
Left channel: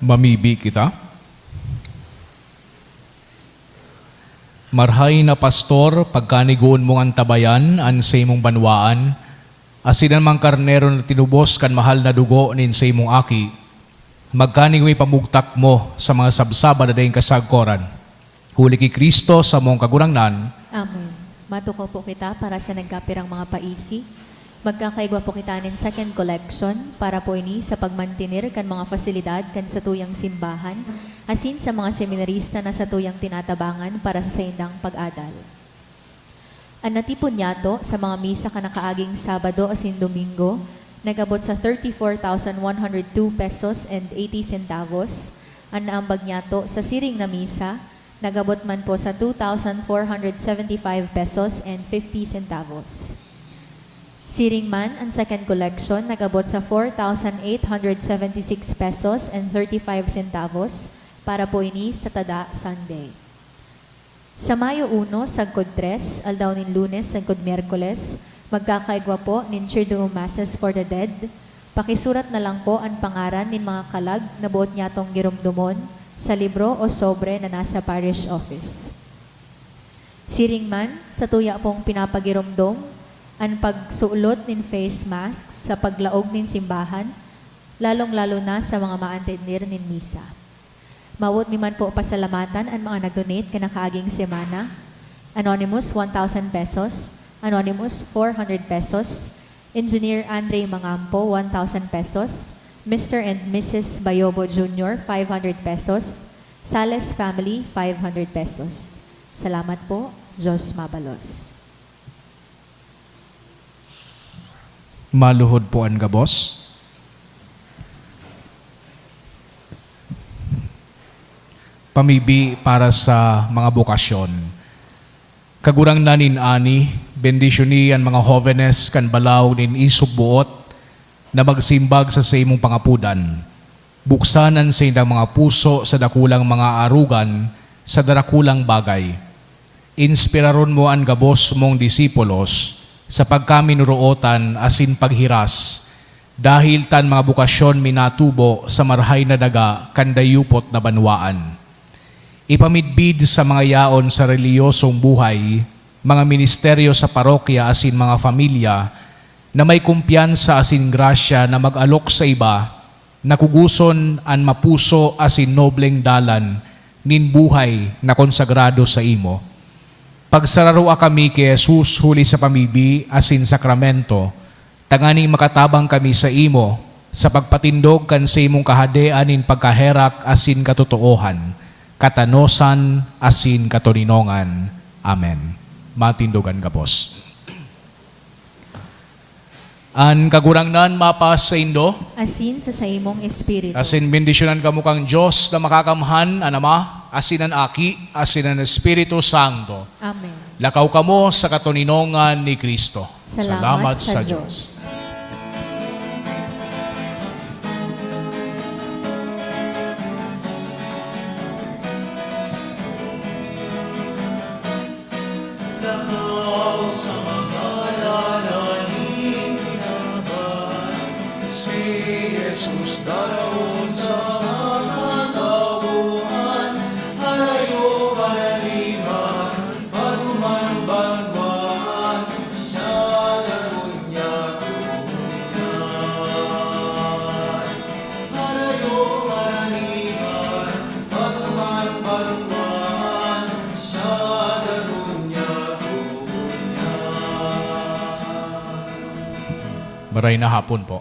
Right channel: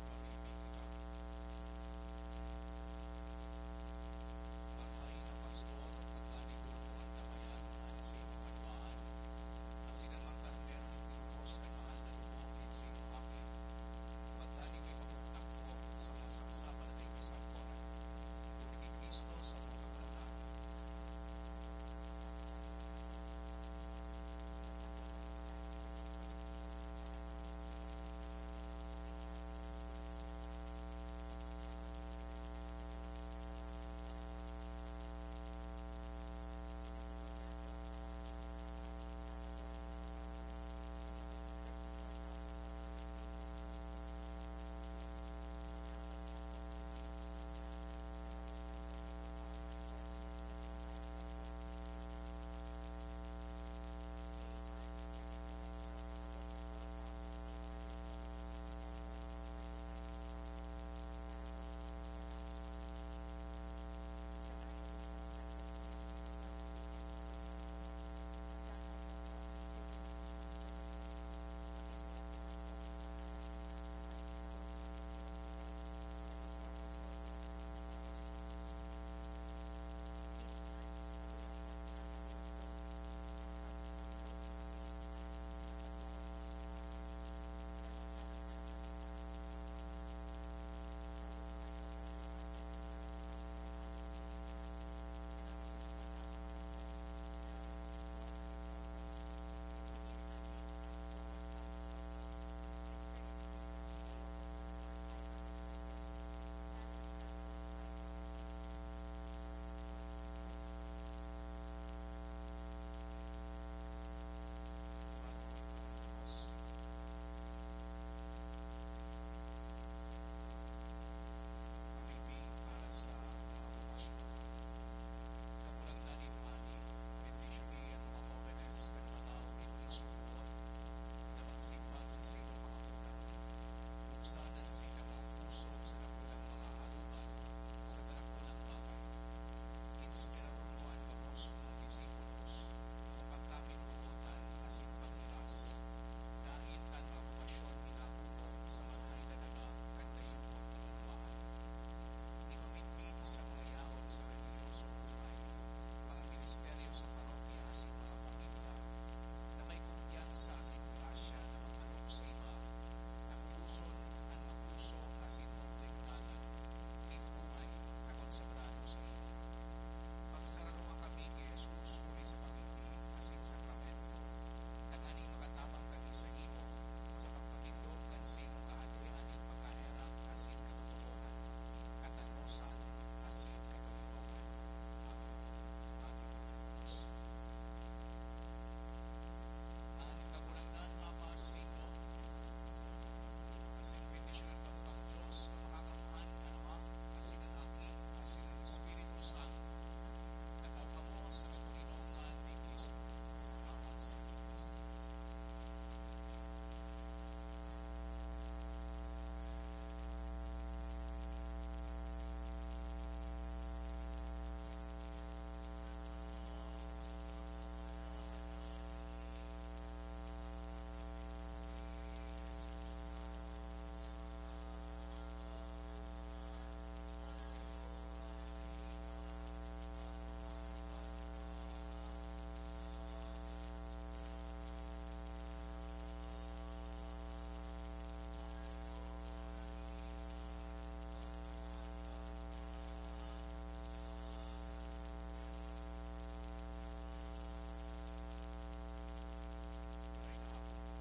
Mamibi kita. Marhay na pastor, pagkanigoon mong antabayan, ansay mong banwaan, asinan mang karnero na tinubos kan mahal na dugo nin say mong aki, magkanigoy pamugtak mo sa mga sabsaba na dayong kasagkoran. Huli ki Kristo sa mong kagurangnan. Amen. Matuko po kita para sa nagkapirang mga paisi. Magkakaigwa po kita nin second collection para po ini sa pagmantinir kan mga fasilidad kan sa tuyang simbahan, asin sa mga seminarista na sa tuyang tinatabangan para sa saindang pag-adal. Ang natipon niyato sa mga misa ka nakaaging Sabado asin Domingo, nagabot sa 34,102 pesos and 80 centavos. Ang naambag niyato sa siring na misa, nagabot man po sa 2,475 pesos and 50 centavos. Siring man, ang second collection, nagabot sa 4,876 pesos and 35 centavos para po ini sa Tada Sunday. Sa Mayo 1, sagkod 3, aldaw nin Lunes, sagkod Miyerkules, magkakaigwa po nin Triduum Masses for the Dead. Pakisurat na lang po ang pangaran nin mga kalag na buot niyatong girumdumon sa libro o sobre na nasa parish office. Siring man, sa tuya pong pinapagirumdom, ang pagsuulot nin face masks sa paglaog nin simbahan, lalong-lalo na sa mga maantinir nin misa. Mawot mi man po pasalamatan ang mga nag-donate kanakaaging semana. Anonymous, 1,000 pesos. Anonymous, 400 pesos. Engineer Andre Mangampo, 1,000 pesos. Mr. and Mrs. Bayobo Jr., 500 pesos. Sales Family, 500 pesos. Salamat po. Diyos mabalos. Maluhod po ang gabos. Pamibi para sa mga bukasyon. Kagurang nanin ani, bendisyon ni ang mga jóvenes kan balaw nin isubbuot na magsimbag sa imong pangapudan. Buksanan sa indang mga puso sa dakulang mga arugan sa darakulang bagay. Inspiraron mo ang gabos mong disipulos sa pagkaminuruotan asin paghiras, dahil tan mga bukasyon minatubo sa marhay na daga kandayupot na banwaan. Ipamidbid sa mga yaon sa reliyosong buhay, mga ministeryo sa parokya asin mga familia, na may kumpiyansa asin grasya na mag-alok sa iba, nakuguson an mapuso asin nobleng dalan, nin buhay na konsagrado sa imo. Pagsararua kami kay Jesus huli sa pamibi asin sakramento, tanganing makatabang kami sa imo, sa pagpatindog kan sa imong kahadean in pagkaherak asin katotoohan, katanosan asin katoninongan. Amen. Matindogan gapos. An kagurangnan mapas sa indo, Asin sa imong espiritu. asin bendisyonan kamo kang Diyos na makakamhan, an Ama, asin ang Aki, asin ang Espiritu Santo. Amen. Lakaw kamo sa katoninongan ni Kristo. Salamat sa Diyos. Lakaw sa mga lalaking pinaban, si Jesus daraon sa mga tauhan, halayo karaniwan, paruman banwaan, siya daron niya tunyan. Halayo karaniwan, paruman banwaan, siya daron niya tunyan. Maray na hapon po.